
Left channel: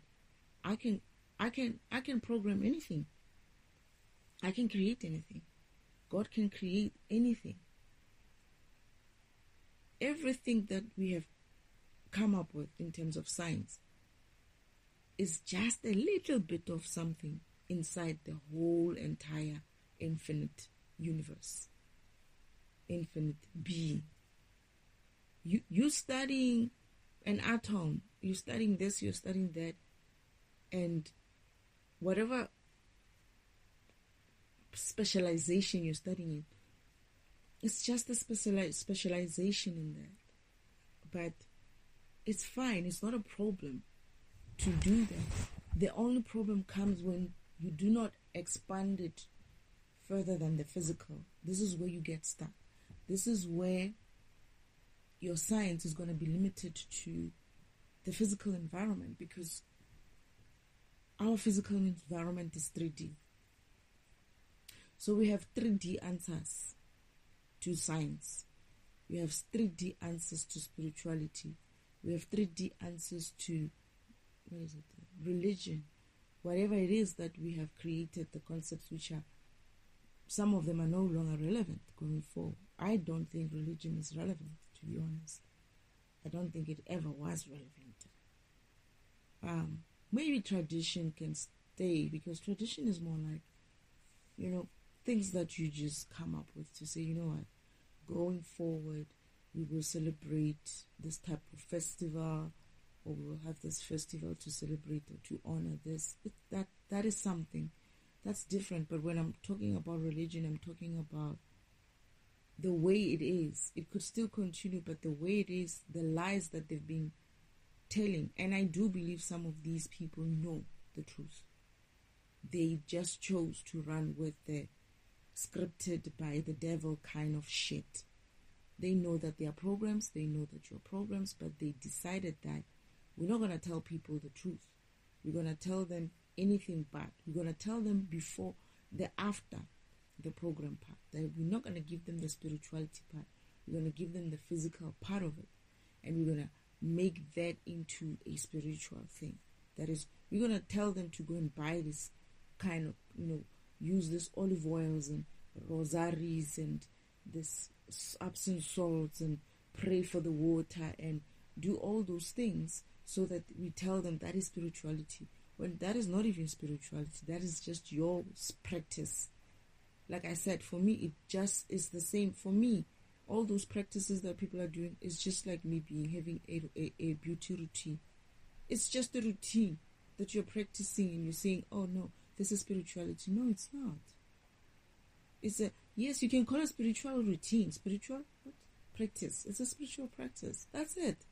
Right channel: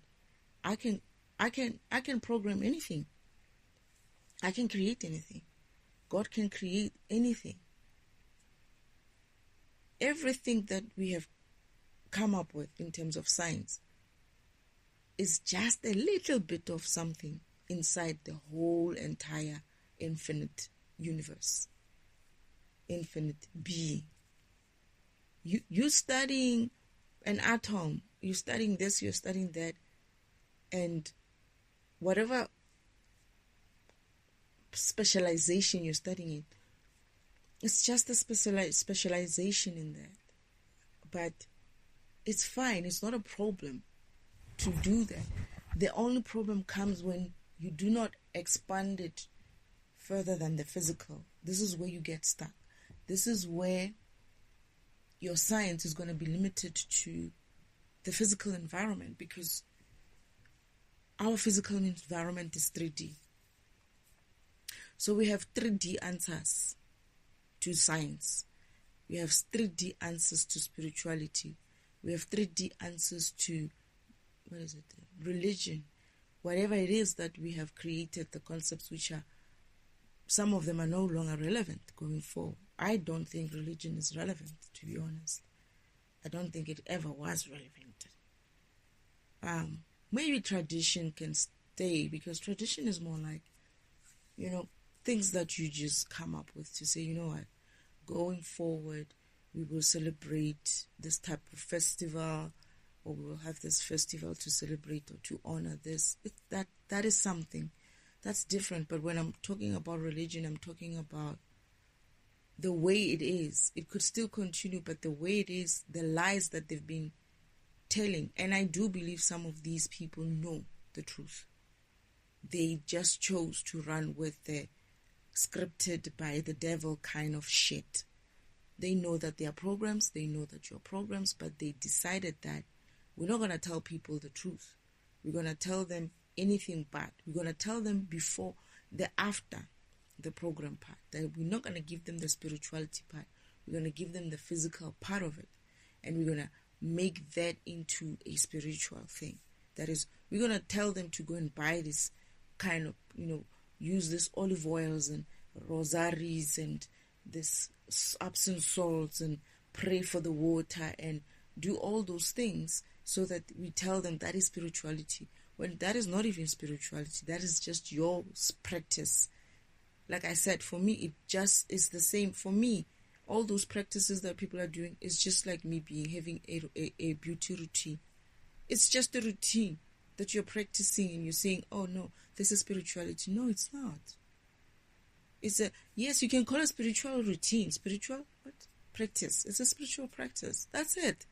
I can program anything. I can create anything. God can create anything. Everything that we have come up with in terms of science is just a little bit of something inside the whole entire infinite universe, infinite being. You studying an atom, you're studying this, you're studying that, and whatever specialization you're studying in, it's just a specialization in that. But it's fine, it's not a problem to do that. The only problem comes when you do not expand it further than the physical. This is where you get stuck. This is where your science is going to be limited to the physical environment, because our physical environment is 3D. So we have 3D answers to science. We have 3D answers to spirituality. We have 3D answers to, religion. Whatever it is that we have created, the concepts which are, some of them are no longer relevant going forward. I don't think religion is relevant, to be honest. I don't think it ever was relevant. Maybe tradition can stay, because tradition is more like, things that you just come up with to say, what, going forward, we will celebrate this type of festival, or we'll have this festival to celebrate or to honor this. That is something that's different. But when I'm talking about religion, I'm talking about the way it is. It could still continue, but the way it is, the lies that they've been telling. And I do believe some of these people know the truth. They just chose to run with the scripted by the devil kind of shit. They know that they are programs, they know that you're programs, but they decided that we're not going to tell people the truth. We're going to tell them anything bad. We're going to tell them before, the after the program part. That we're not going to give them the spirituality part. We're going to give them the physical part of it. And we're going to make that into a spiritual thing. That is, we're going to tell them to go and buy this kind of, use this olive oils and rosaries and this Epsom salts and pray for the water and do all those things, so that we tell them that is spirituality, when that is not even spirituality. That is just your practice. Like I said, for me, it just is the same. For me, all those practices that people are doing is just like me having a beauty routine. It's just a routine that you're practicing, and you're saying, oh no, this is spirituality. No, it's not. Yes, you can call it spiritual routine. Spiritual what? Practice. It's a spiritual practice. That's it.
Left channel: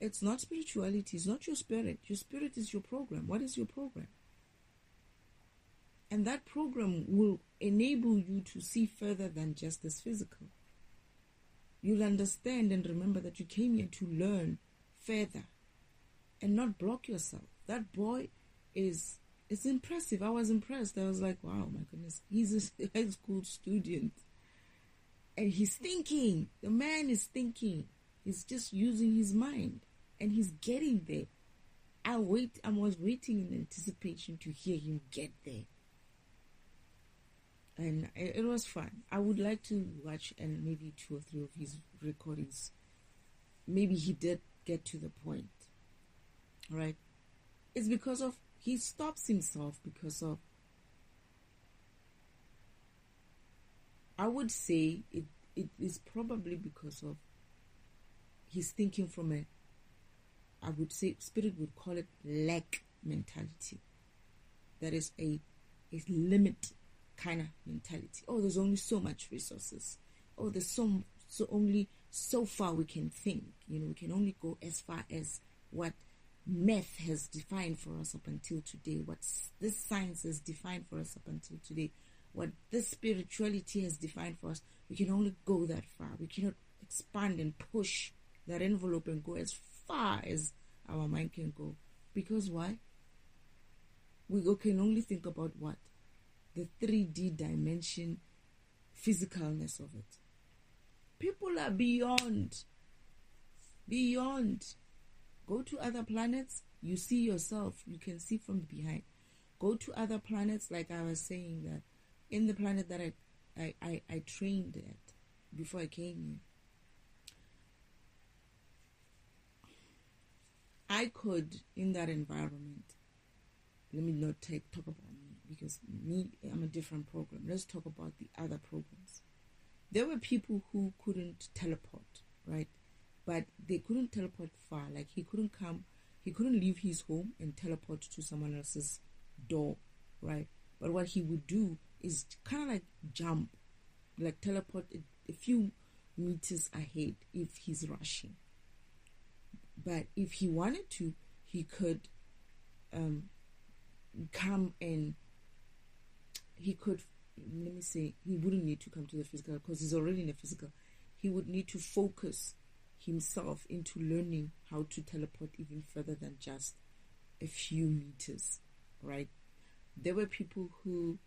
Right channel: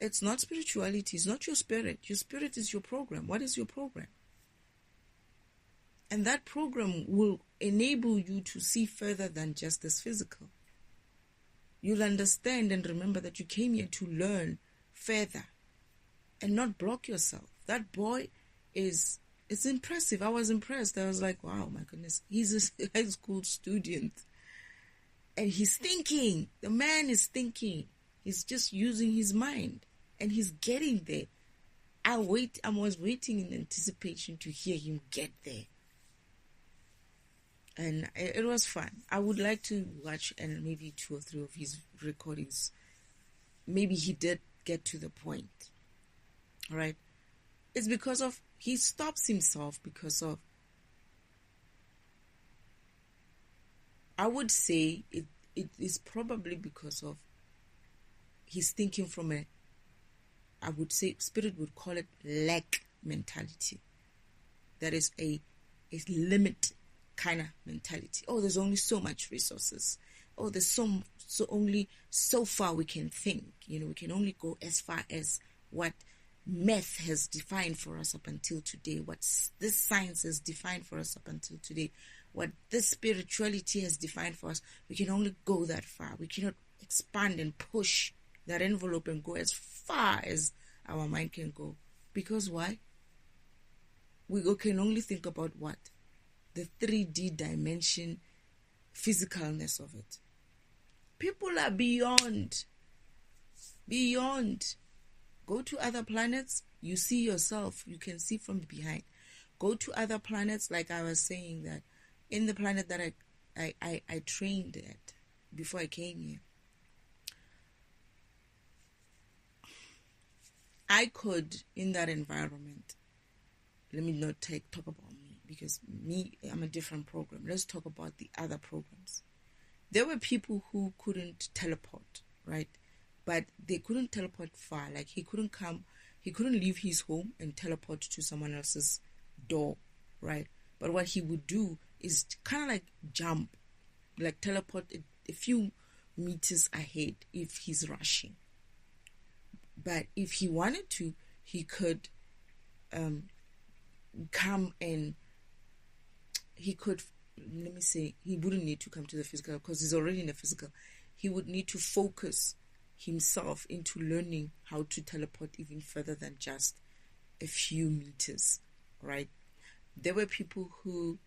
It's not spirituality. It's not your spirit. Your spirit is your program. What is your program? And that program will enable you to see further than just this physical. You'll understand and remember that you came here to learn further and not block yourself. That boy it's impressive. I was impressed. I was like, wow, my goodness. He's a high school student. And he's thinking. The man is thinking. He's just using his mind. And he's getting there. I was waiting in anticipation to hear him get there. And it was fun. I would like to watch and maybe 2 or 3 of his recordings. Maybe he did get to the point. Right? It's because of, he stops himself because of, I would say it is probably because of he's thinking from I would say spirit would call it lack mentality. That is a limit kind of mentality. Oh, there's only so much resources. Oh, there's only so far we can think. We can only go as far as what math has defined for us up until today, what this science has defined for us up until today, what this spirituality has defined for us. We can only go that far. We cannot expand and push that envelope and go as far as our mind can go. Because why? We can only think about what? The 3D dimension, physicalness of it. People are beyond. Go to other planets, you see yourself, you can see from behind. Go to other planets, like I was saying, that in the planet that I trained at before I came here, I could, in that environment, let me not talk about me, because I'm a different program. Let's talk about the other programs. There were people who couldn't teleport, right? But they couldn't teleport far. Like he couldn't leave his home and teleport to someone else's door, right? But what he would do is kind of like jump, like teleport a few meters ahead if he's rushing. But if he wanted to, he could come and he could, let me say, he wouldn't need to come to the physical because he's already in the physical. He would need to focus himself into learning how to teleport even further than just a few meters, right? There were people who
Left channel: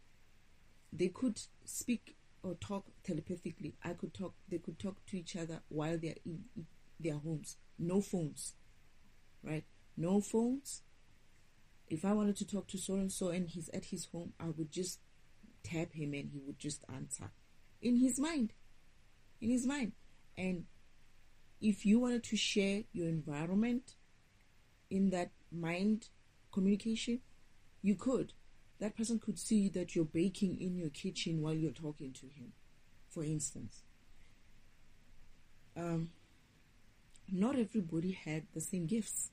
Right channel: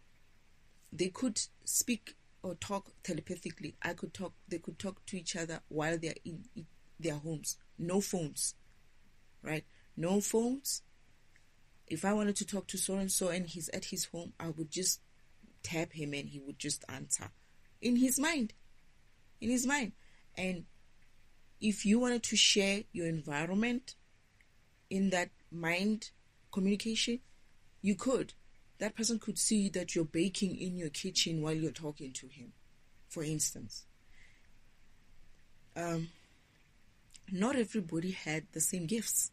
they could speak or talk telepathically. They could talk to each other while they're in their homes. No phones, right? No phones. If I wanted to talk to so-and-so and he's at his home, I would just tap him and he would just answer in his mind. And if you wanted to share your environment in that mind communication, you could. That person could see that you're baking in your kitchen while you're talking to him, for instance. not everybody had the same gifts,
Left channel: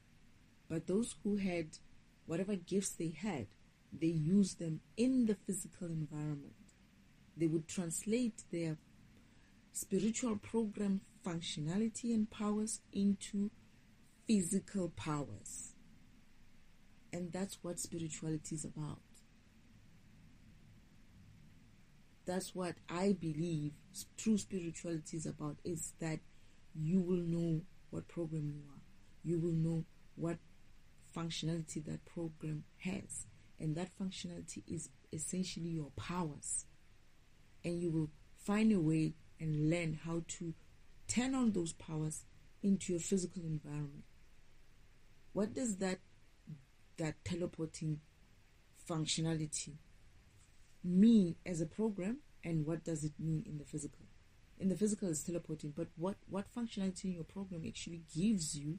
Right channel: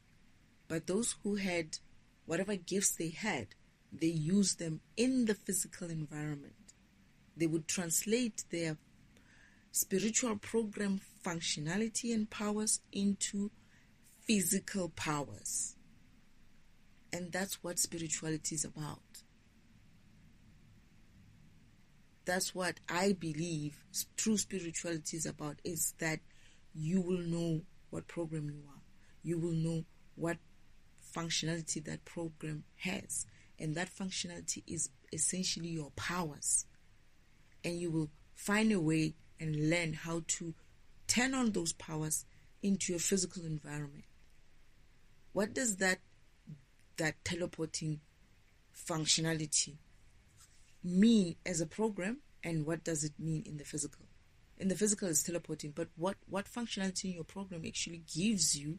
but those who had whatever gifts they had, they used them in the physical environment. They would translate their spiritual program functionality and powers into physical powers. And that's what spirituality is about. That's what I believe true spirituality is about, is that you will know what program you are. You will know what functionality that program has. And that functionality is essentially your powers. And you will find a way and learn how to turn on those powers into your physical environment. What does that teleporting functionality mean as a program, and what does it mean in the physical? In the physical is teleporting, but what functionality in your program actually gives you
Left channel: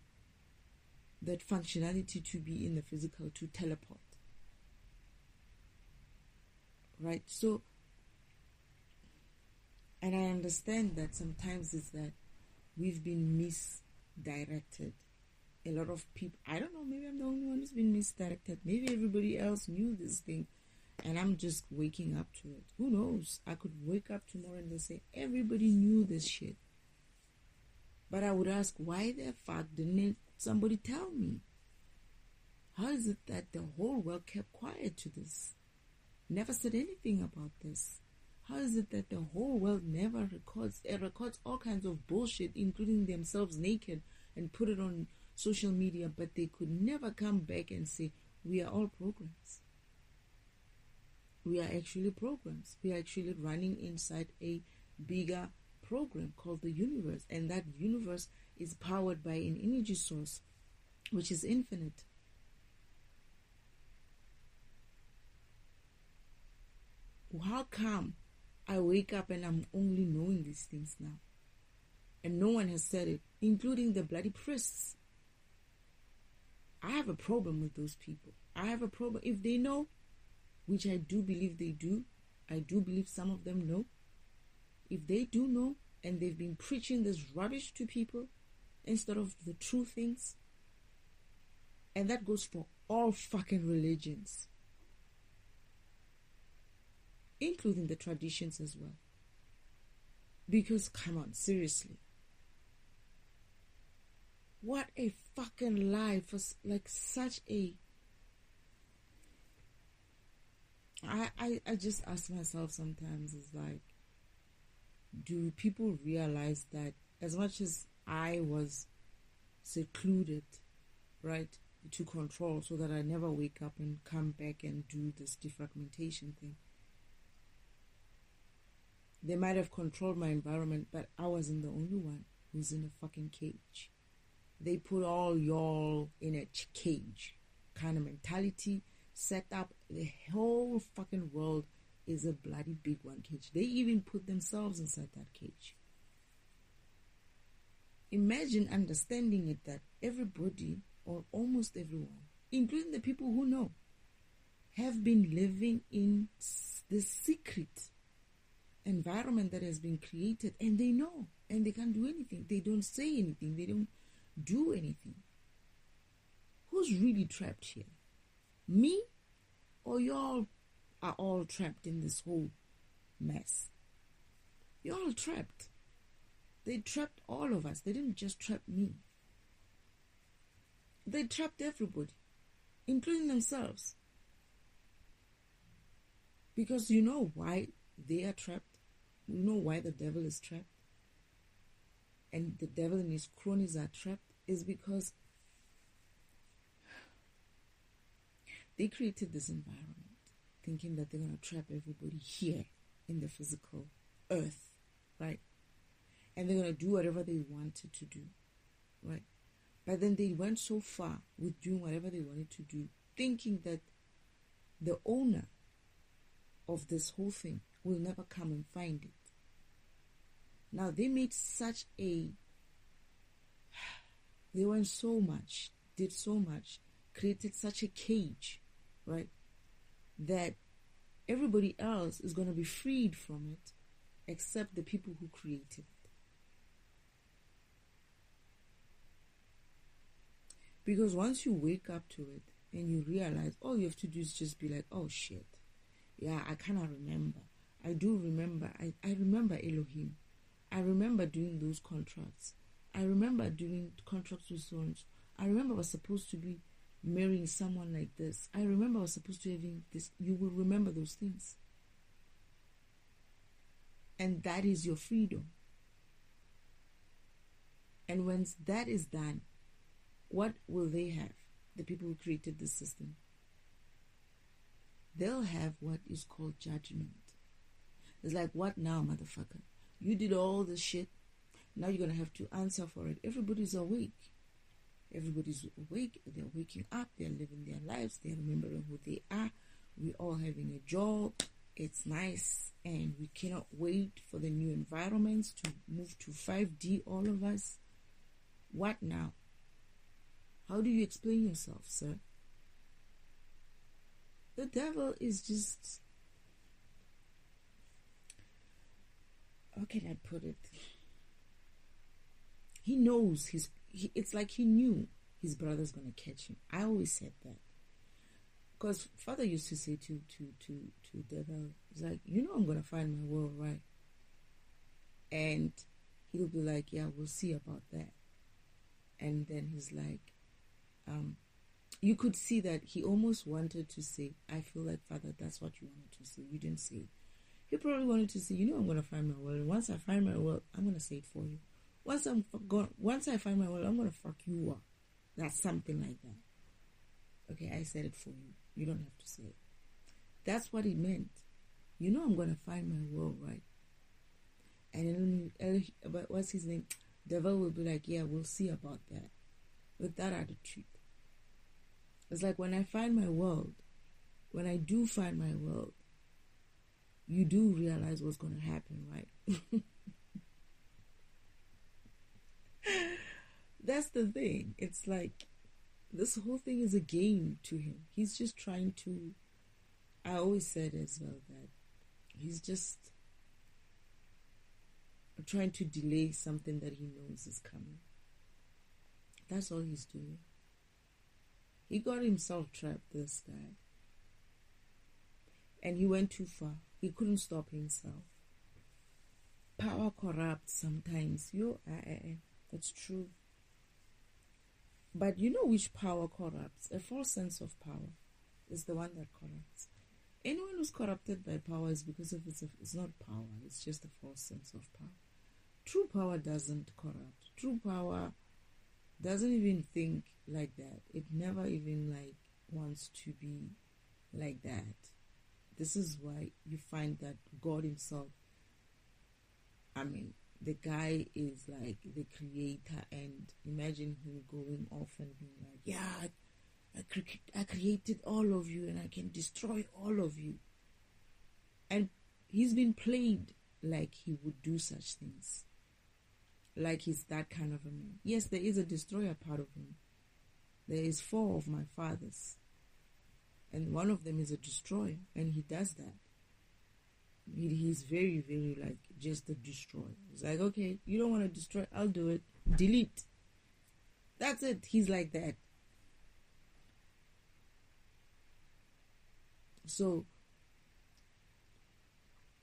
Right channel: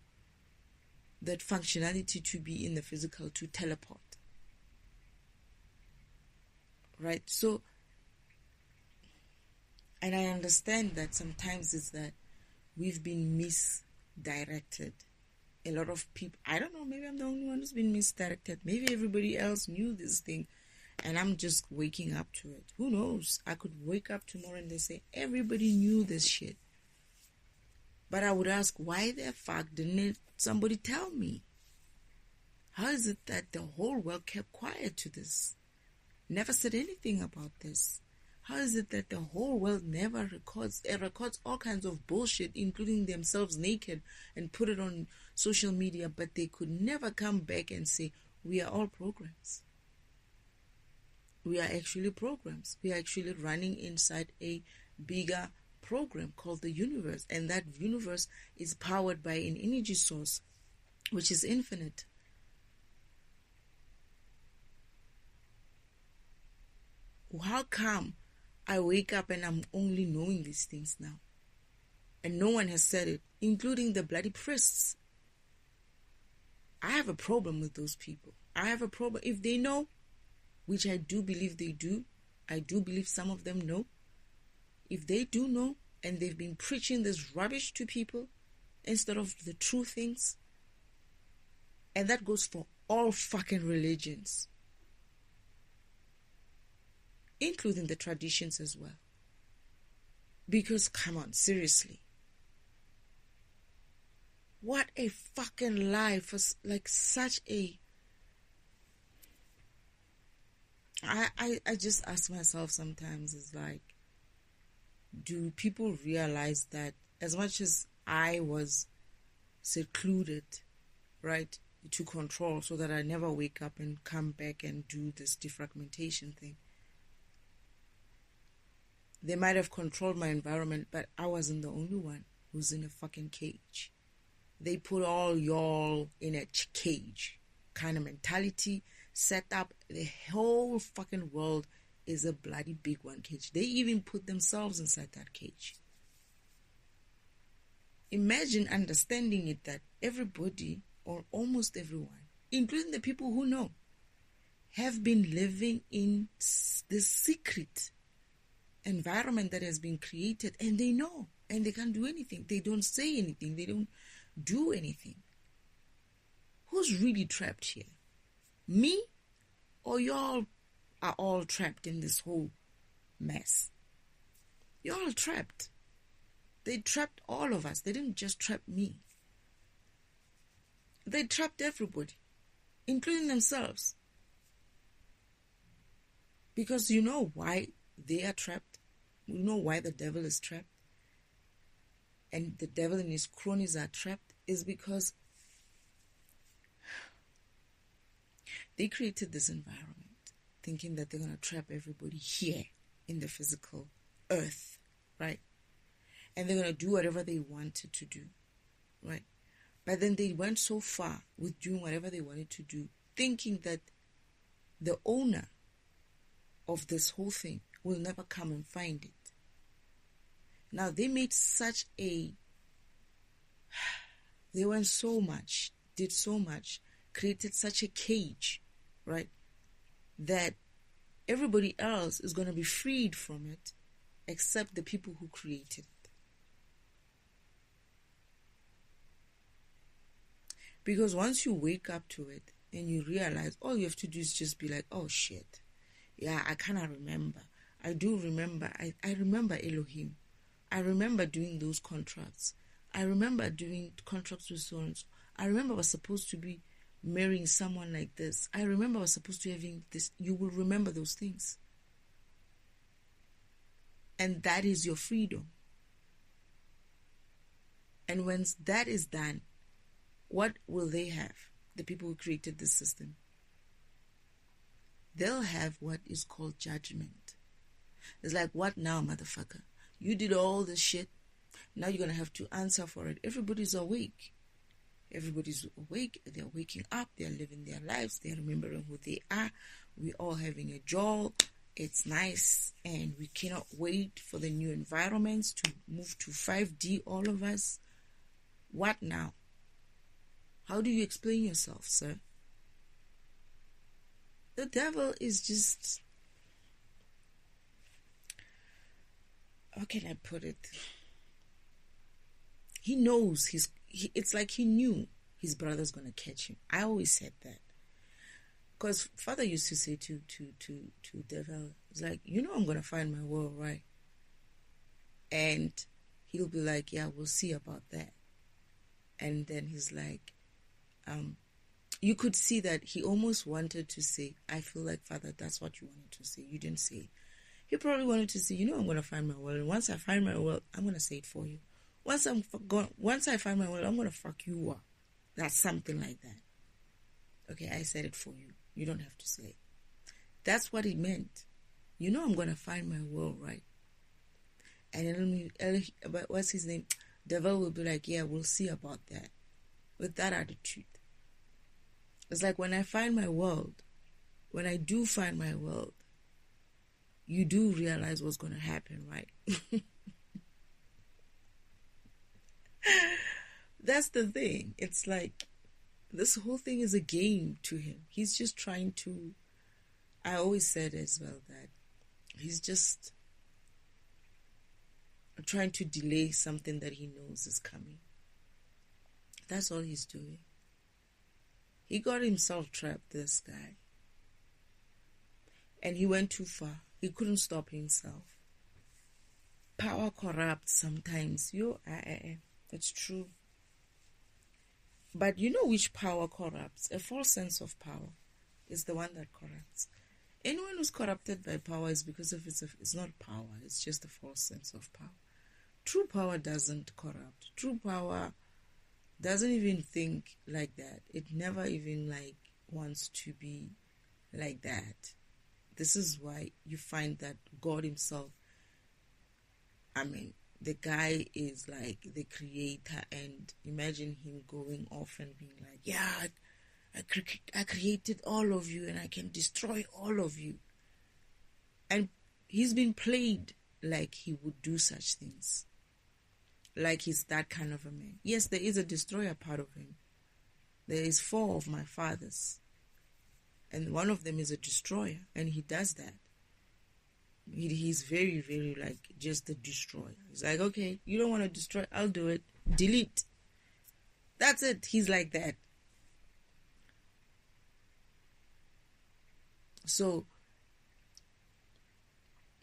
that functionality to be in the physical, to teleport? Right? So, and I understand that sometimes it's that we've been misdirected. A lot of people, I don't know, maybe I'm the only one who's been misdirected. Maybe everybody else knew this thing and I'm just waking up to it. Who knows? I could wake up tomorrow and they say, everybody knew this shit. But I would ask, why the fuck didn't somebody tell me? How is it that the whole world kept quiet to this? Never said anything about this? How is it that the whole world never records? It records all kinds of bullshit, including themselves naked, and put it on social media, but they could never come back and say, we are all programs. We are actually programs. We are actually running inside a bigger program called the universe, and that universe is powered by an energy source which is infinite. How come I wake up and I'm only knowing these things now? And no one has said it, including the bloody priests. I have a problem with those people. I have a problem. If they know, which I do believe they do, I do believe some of them know. If they do know, and they've been preaching this rubbish to people instead of the true things, and that goes for all fucking religions, including the traditions as well. Because, come on, seriously. What a fucking lie for, like, such a... I just ask myself sometimes, is like, do people realize that as much as I was secluded, right, to control so that I never wake up and come back and do this defragmentation thing, they might have controlled my environment, but I wasn't the only one who's in a fucking cage. They put all y'all in a cage kind of mentality set up. The whole fucking world is a bloody big one cage. They even put themselves inside that cage. Imagine understanding it that everybody, or almost everyone, including the people who know, have been living in this secret environment that has been created, and they know, and they can't do anything. They don't say anything. They don't do anything. Who's really trapped here? Me? Or y'all are all trapped in this whole mess? You're all trapped. They trapped all of us. They didn't just trap me. They trapped everybody, including themselves. Because you know why they are trapped? You know why the devil is trapped? And the devil and his cronies are trapped is because they created this environment thinking that they're going to trap everybody here in the physical earth, right? And they're going to do whatever they wanted to do, right? But then they went so far with doing whatever they wanted to do, thinking that the owner of this whole thing will never come and find it. Now, they made such a... They went so much, did so much, created such a cage, right, that everybody else is going to be freed from it except the people who created it. Because once you wake up to it and you realize, all you have to do is just be like, oh shit, yeah, I cannot remember. I do remember. I remember Elohim. I remember doing those contracts. I remember doing contracts with so-and-so. I remember I was supposed to be marrying someone like this. I remember I was supposed to having this. You will remember those things. And that is your freedom. And when that is done, what will they have? The people who created this system. They'll have what is called judgment. It's like, what now, motherfucker? You did all this shit. Now you're going to have to answer for it. Everybody's awake. Everybody's awake. They're waking up. They're living their lives. They're remembering who they are. We're all having a job. It's nice. And we cannot wait for the new environments to move to 5D, all of us. What now? How do you explain yourself, sir? The devil is just... How can I put it? He knows it's like he knew his brother's going to catch him. I always said that. Because Father used to say to devil, it's like, I'm going to find my world, right? And he'll be like, yeah, we'll see about that. And then he's like, you could see that he almost wanted to say, I feel like, Father, that's what you wanted to say. You didn't say it. He probably wanted to say, I'm going to find my world. And once I find my world, I'm going to say it for you. Once I find my world, I'm going to fuck you up. That's something like that. Okay, I said it for you. You don't have to say it. That's what he meant. I'm going to find my world, right? And then, what's his name? Devil will be like, yeah, we'll see about that. With that attitude. It's like, when I find my world, when I do find my world, you do realize what's going to happen, right? That's the thing. It's like, this whole thing is a game to him. He's just trying to... I always said as well that he's just trying to delay something that he knows is coming. That's all he's doing. He got himself trapped, this guy. And he went too far. He couldn't stop himself. Power corrupts sometimes. It's true. But you know which power corrupts? A false sense of power is the one that corrupts. Anyone who's corrupted by power is because of it's not power. It's just a false sense of power. True power doesn't corrupt. True power doesn't even think like that. It never even wants to be like that. This is why you find that God himself, the guy is like the creator, and imagine him going off and being like, yeah, I created all of you and I can destroy all of you. And he's been played like he would do such things. Like he's that kind of a man. Yes, there is a destroyer part of him. There is 4 of my fathers. And one of them is a destroyer. And he does that. He's very, very just a destroyer. He's like, okay, you don't want to destroy, I'll do it. Delete. That's it. He's like that. So,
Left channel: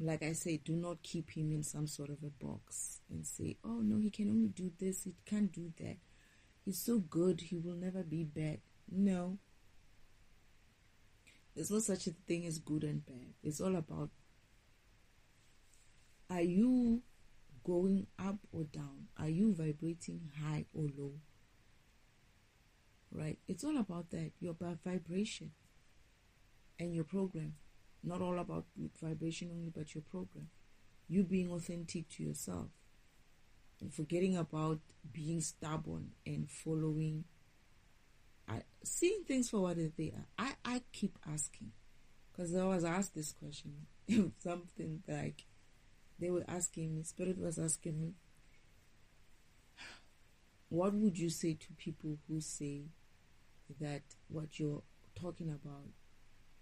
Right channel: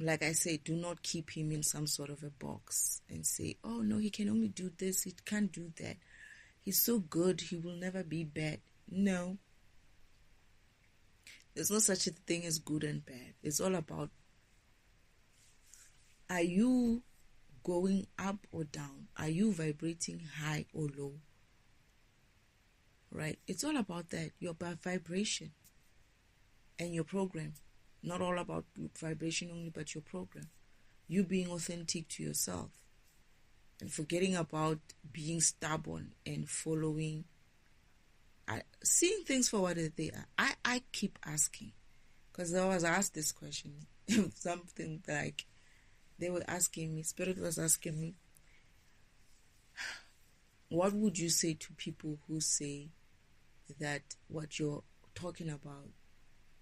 like I say, do not keep him in some sort of a box and say, oh no, he can only do this, he can't do that. He's so good, he will never be bad. No. There's no such a thing as good and bad. It's all about, are you going up or down? Are you vibrating high or low? Right? It's all about that. Your vibration and your program. Not all about vibration only, but your program. You being authentic to yourself. And forgetting about being stubborn and following. Seeing things for what they are. I keep asking. Because I was asked this question. Something like, they were asking me, Spirit was asking me, what would you say to people who say that what you're talking about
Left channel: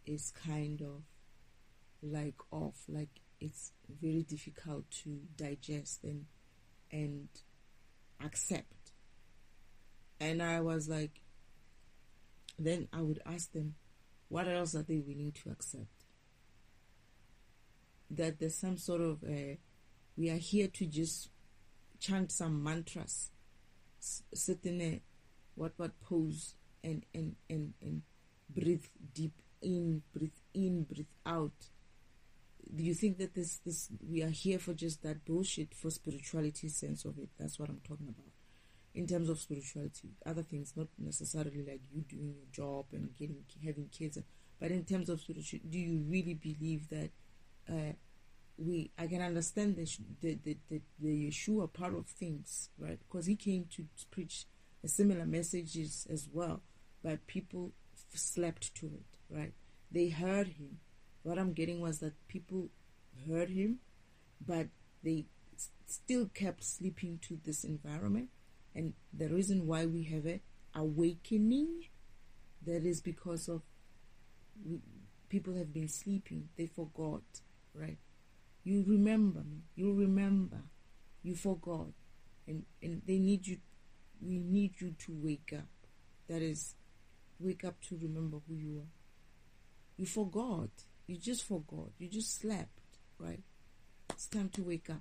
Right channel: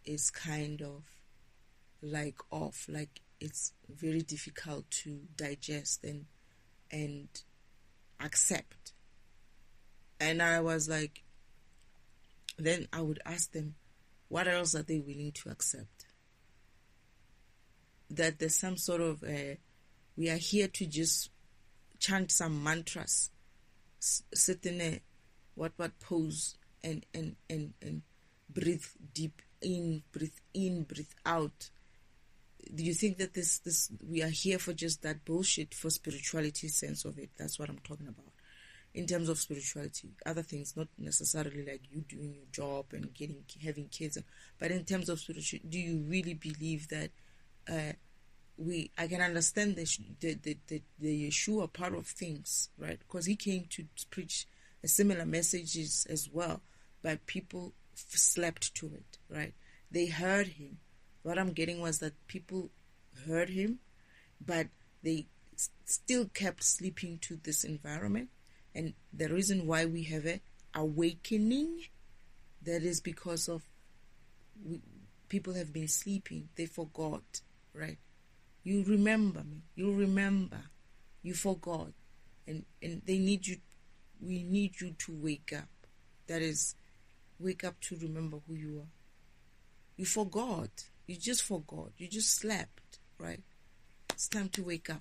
is kind of off, it's very difficult to digest and accept? And I was like, then I would ask them, what else are they willing to accept? That there's some sort of, we are here to just chant some mantras, sit in a what pose and breathe deep in, breathe out. Do you think that this we are here for just that bullshit, for spirituality sense of it? That's what I'm talking about. In terms of spirituality, other things, not necessarily like you doing your job and having kids, but in terms of spirituality, do you really believe that I can understand the Yeshua part of things, right? Because he came to preach a similar messages as well, but people slept to it, right? They heard him. What I'm getting was that people heard him, but they still kept sleeping to this environment. And the reason why we have an awakening, that is because of people have been sleeping. They forgot, right? You remember me. You remember. You forgot. And they need you. We need you to wake up. That is, wake up to remember who you are. You forgot. You just forgot. You just slept, right? It's time to wake up.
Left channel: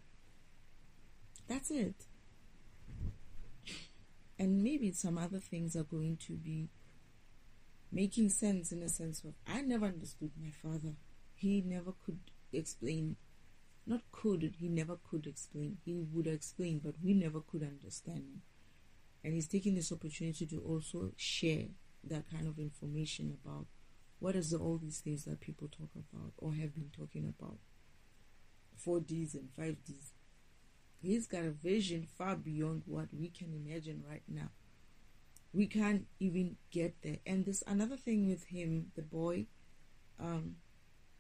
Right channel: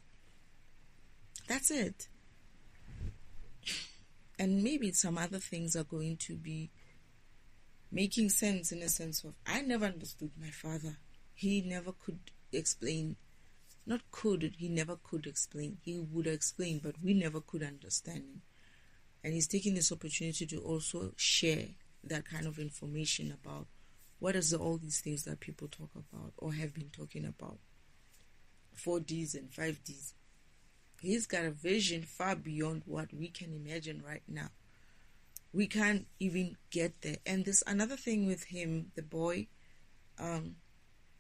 That's it. And maybe some other things are going to be making sense, in a sense of, I never understood my father. He never could explain. He never could explain. He would explain, but we never could understand him. And he's taking this opportunity to also share that kind of information about what is all these things that people talk about or have been talking about. 4Ds and 5Ds. He's got a vision far beyond what we can imagine right now. We can't even get there. And there's another thing with him, the boy.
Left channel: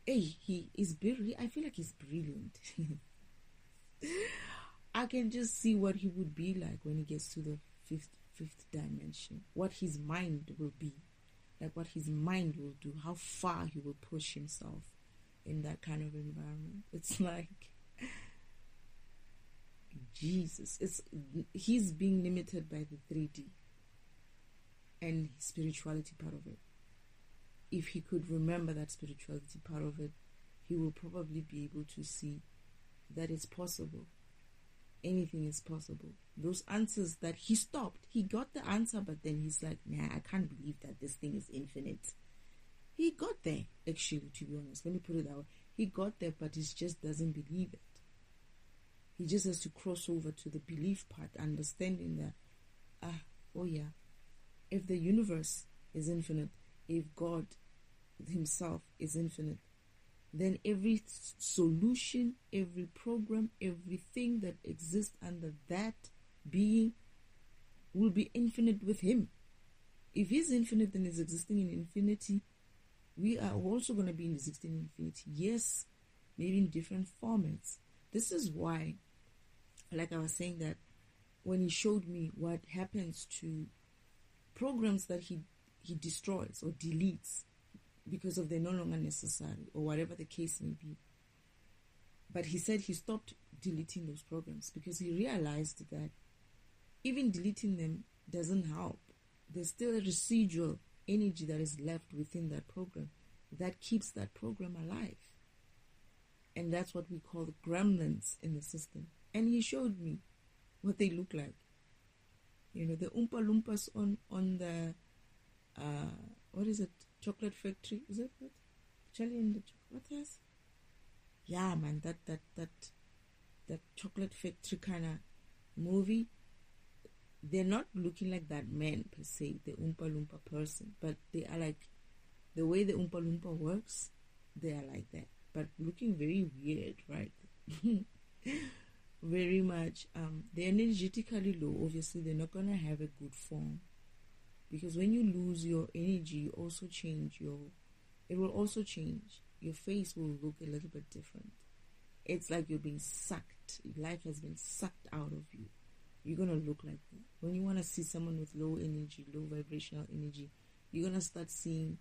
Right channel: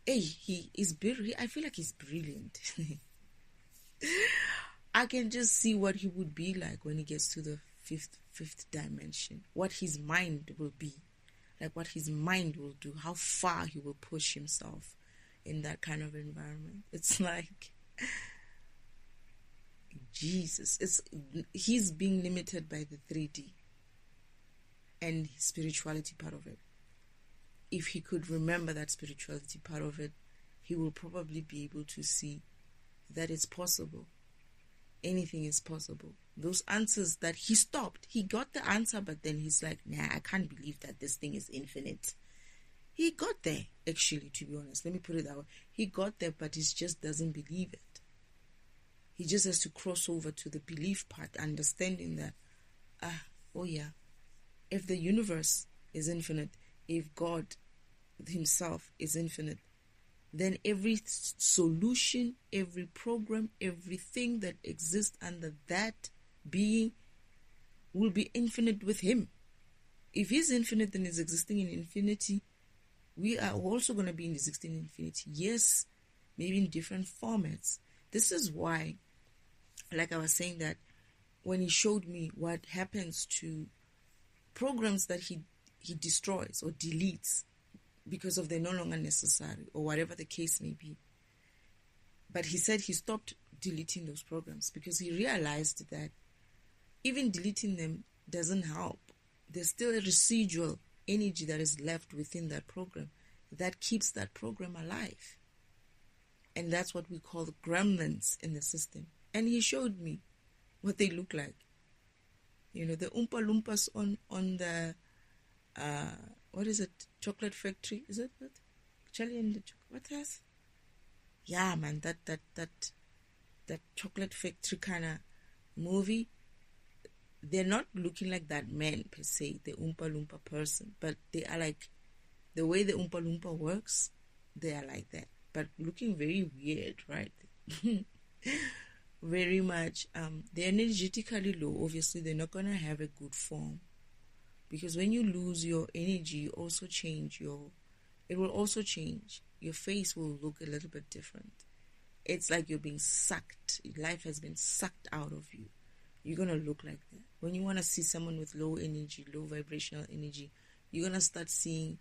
He is I feel like he's brilliant. I can just see what he would be like when he gets to the fifth dimension. What his mind will be. Like what his mind will do. How far he will push himself in that kind of environment. It's like, Jesus. He's being limited by the 3D and his spirituality part of it. If he could remember that spirituality part of it, he will probably be able to see that it's possible. Anything is possible. Those answers that he stopped. He got the answer, but then he's like, nah, I can't believe that this thing is infinite. He got there, actually, to be honest. Let me put it that way. He got there, but he just doesn't believe it. He just has to cross over to the belief part, understanding that, if the universe is infinite, if God himself is infinite, then every solution, every program, everything that exists under that being will be infinite with him. If he's infinite and is existing in infinity, we are also going to be existing in infinity. Yes, maybe in different formats. This is why, like I was saying, that when he showed me what happens to programs that he destroys or deletes because of they're no longer necessary or whatever the case may be. But he said he stopped deleting those programs because he realized that even deleting them doesn't help. There's still a residual energy that is left within that program that keeps that program alive. And that's what we call the gremlins in the system. And he showed me what they look like. You know, the Oompa Loompas on the, what is it? Chocolate Factory? Is it? Charlie and the Chocolate, what else? Yeah, man, that Chocolate Factory kind of movie. They're not looking like that man per se, the Oompa Loompa person, but they are like, the way the Oompa Loompa works, they are like that. But looking very weird, right? Very much. They're energetically low. Obviously, they're not going to have a good form. Because when you lose your energy, you also change it will also change. Your face will look a little bit different. It's like you're being sucked. Life has been sucked out of you. You're going to look like that. When you want to see someone with low energy, low vibrational energy, you're going to start seeing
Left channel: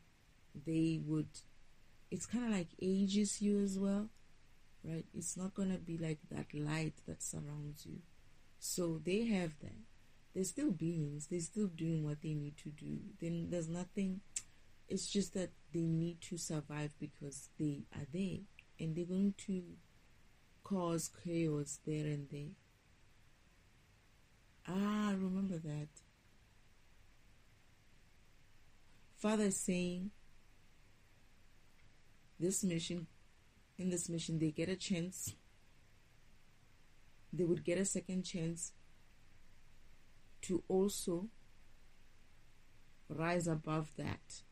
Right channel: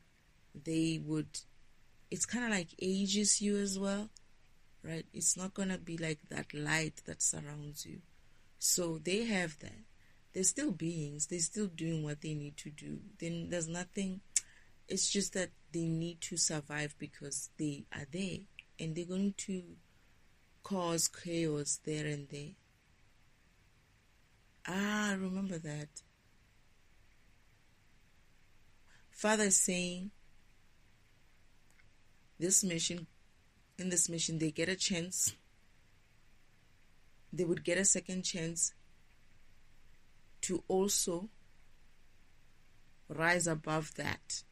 it's kind of like ages you as well, right? It's not going to be like that light that surrounds you. So they have that. they're still beings. They're still doing what they need to do. Then there's nothing. It's just that they need to survive because they are there, and they're going to cause chaos there and there. Remember that. Father is saying in this mission, they get a chance. They would get a second chance to also rise above that,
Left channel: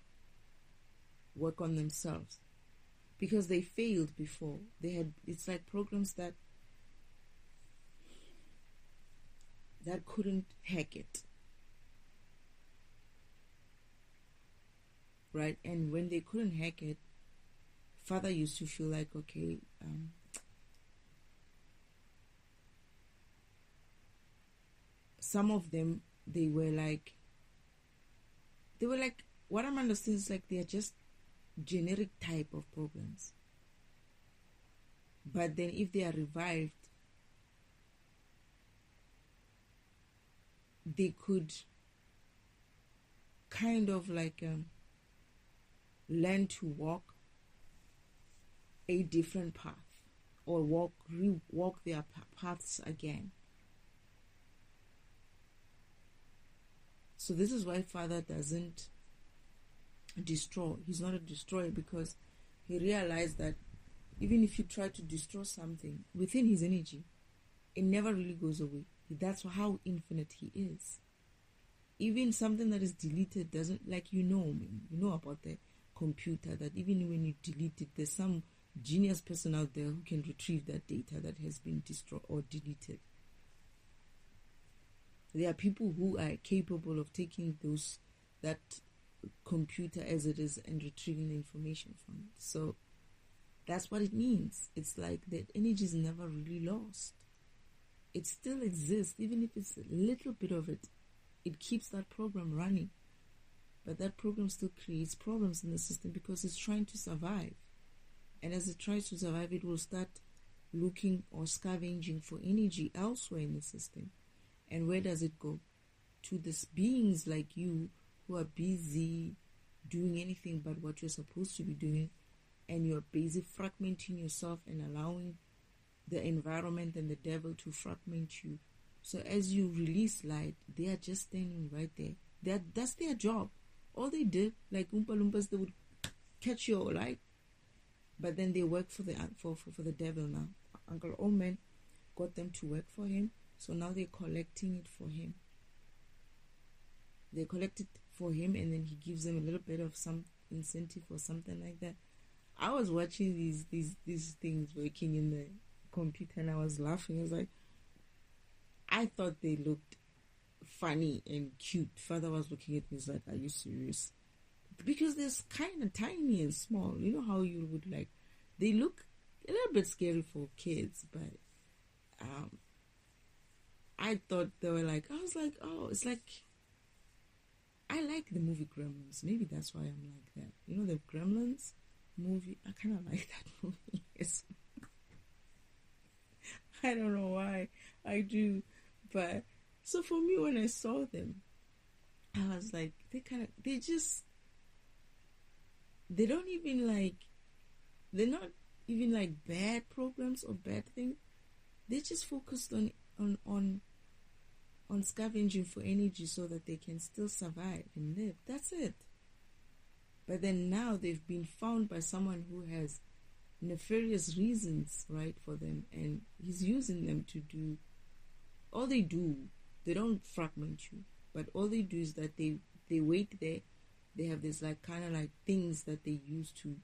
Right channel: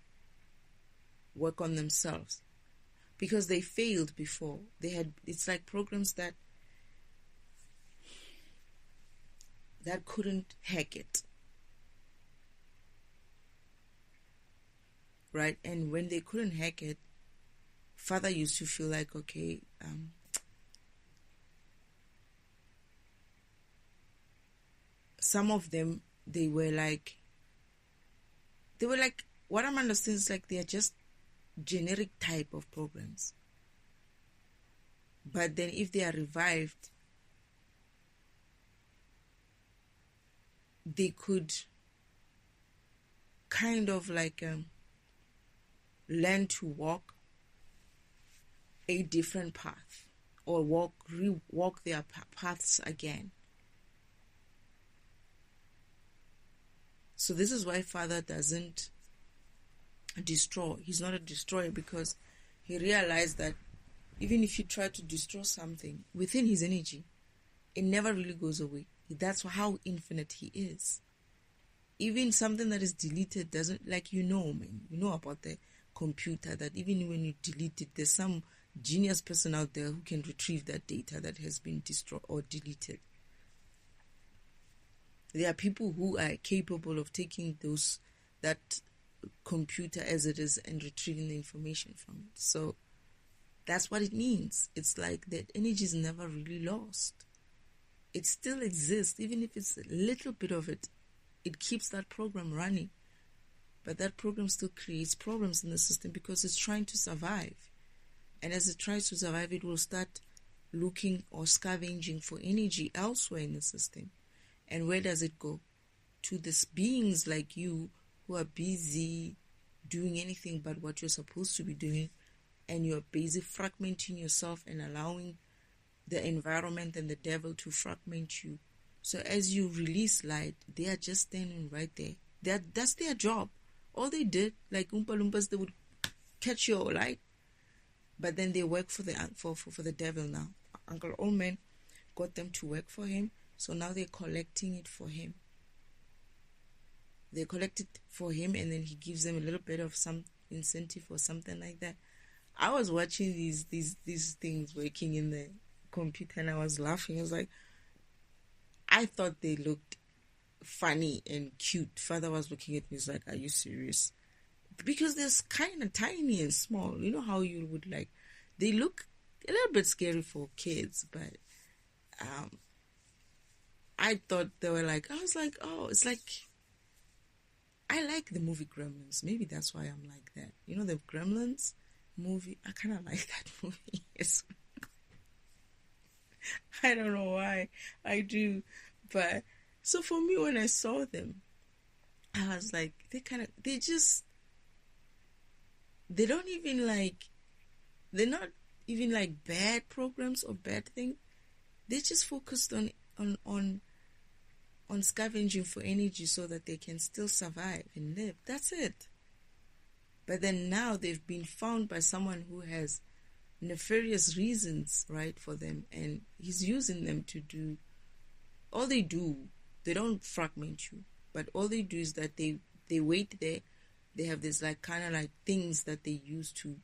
work on themselves, because they failed before. It's like programs that couldn't hack it, right? And when they couldn't hack it, Father used to feel like, okay, some of them, they were like, what I'm understanding is like they are just generic type of programs. But then if they are revived, they could kind of like learn to walk a different path, or walk their paths again. So this is why Father doesn't destroy. He's not a destroyer, because he realized that even if you try to destroy something within his energy, it never really goes away. That's how infinite he is. Even something that is deleted doesn't, like, man, about the computer, that even when you delete it, there's some genius person out there who can retrieve that data that has been destroyed or deleted. There are people who are capable of taking that computer as it is and retrieving the information from it. So that's what it means. It's like that energy is never really lost. It still exists, even if it's a little bit of it. It keeps that program running. But that program still creates problems in the system because it's trying to survive. And as it tries to survive, it will start looking or scavenging for energy elsewhere in the system. And where does it go? To these beings like you who are busy doing anything but what you're supposed to be doing, and you're busy fragmenting yourself and allowing the environment and the devil to fragment you. So as you release light, they are just standing right there. That's their job. All they did, like Oompa Loompas, they would catch your light, but then they work for the devil now. Uncle Oldman got them to work for him, so now they're collecting it for him. They collect it for him, and then he gives them a little bit of some incentive or something like that. I was watching these things working in the computer, and I was laughing. I was like, I thought they looked funny and cute. Father was looking at me, he's like, are you serious? Because they're kind of tiny and small. You know how you would like, they look a little bit scary for kids, but I thought they were like, I was like, oh, it's like, I like the movie Gremlins. Maybe that's why I'm like that. You know the Gremlins movie? I kind of like that movie. I don't know why I do. But so for me, when I saw them, I was like, they're not even like bad programs or bad things. They just focused on scavenging for energy so that they can still survive and live. That's it. But then now they've been found by someone who has nefarious reasons, right, for them, and he's using them to do all they do. They don't fragment you, but all they do is that they wait there. They have this like kind of like things that they use to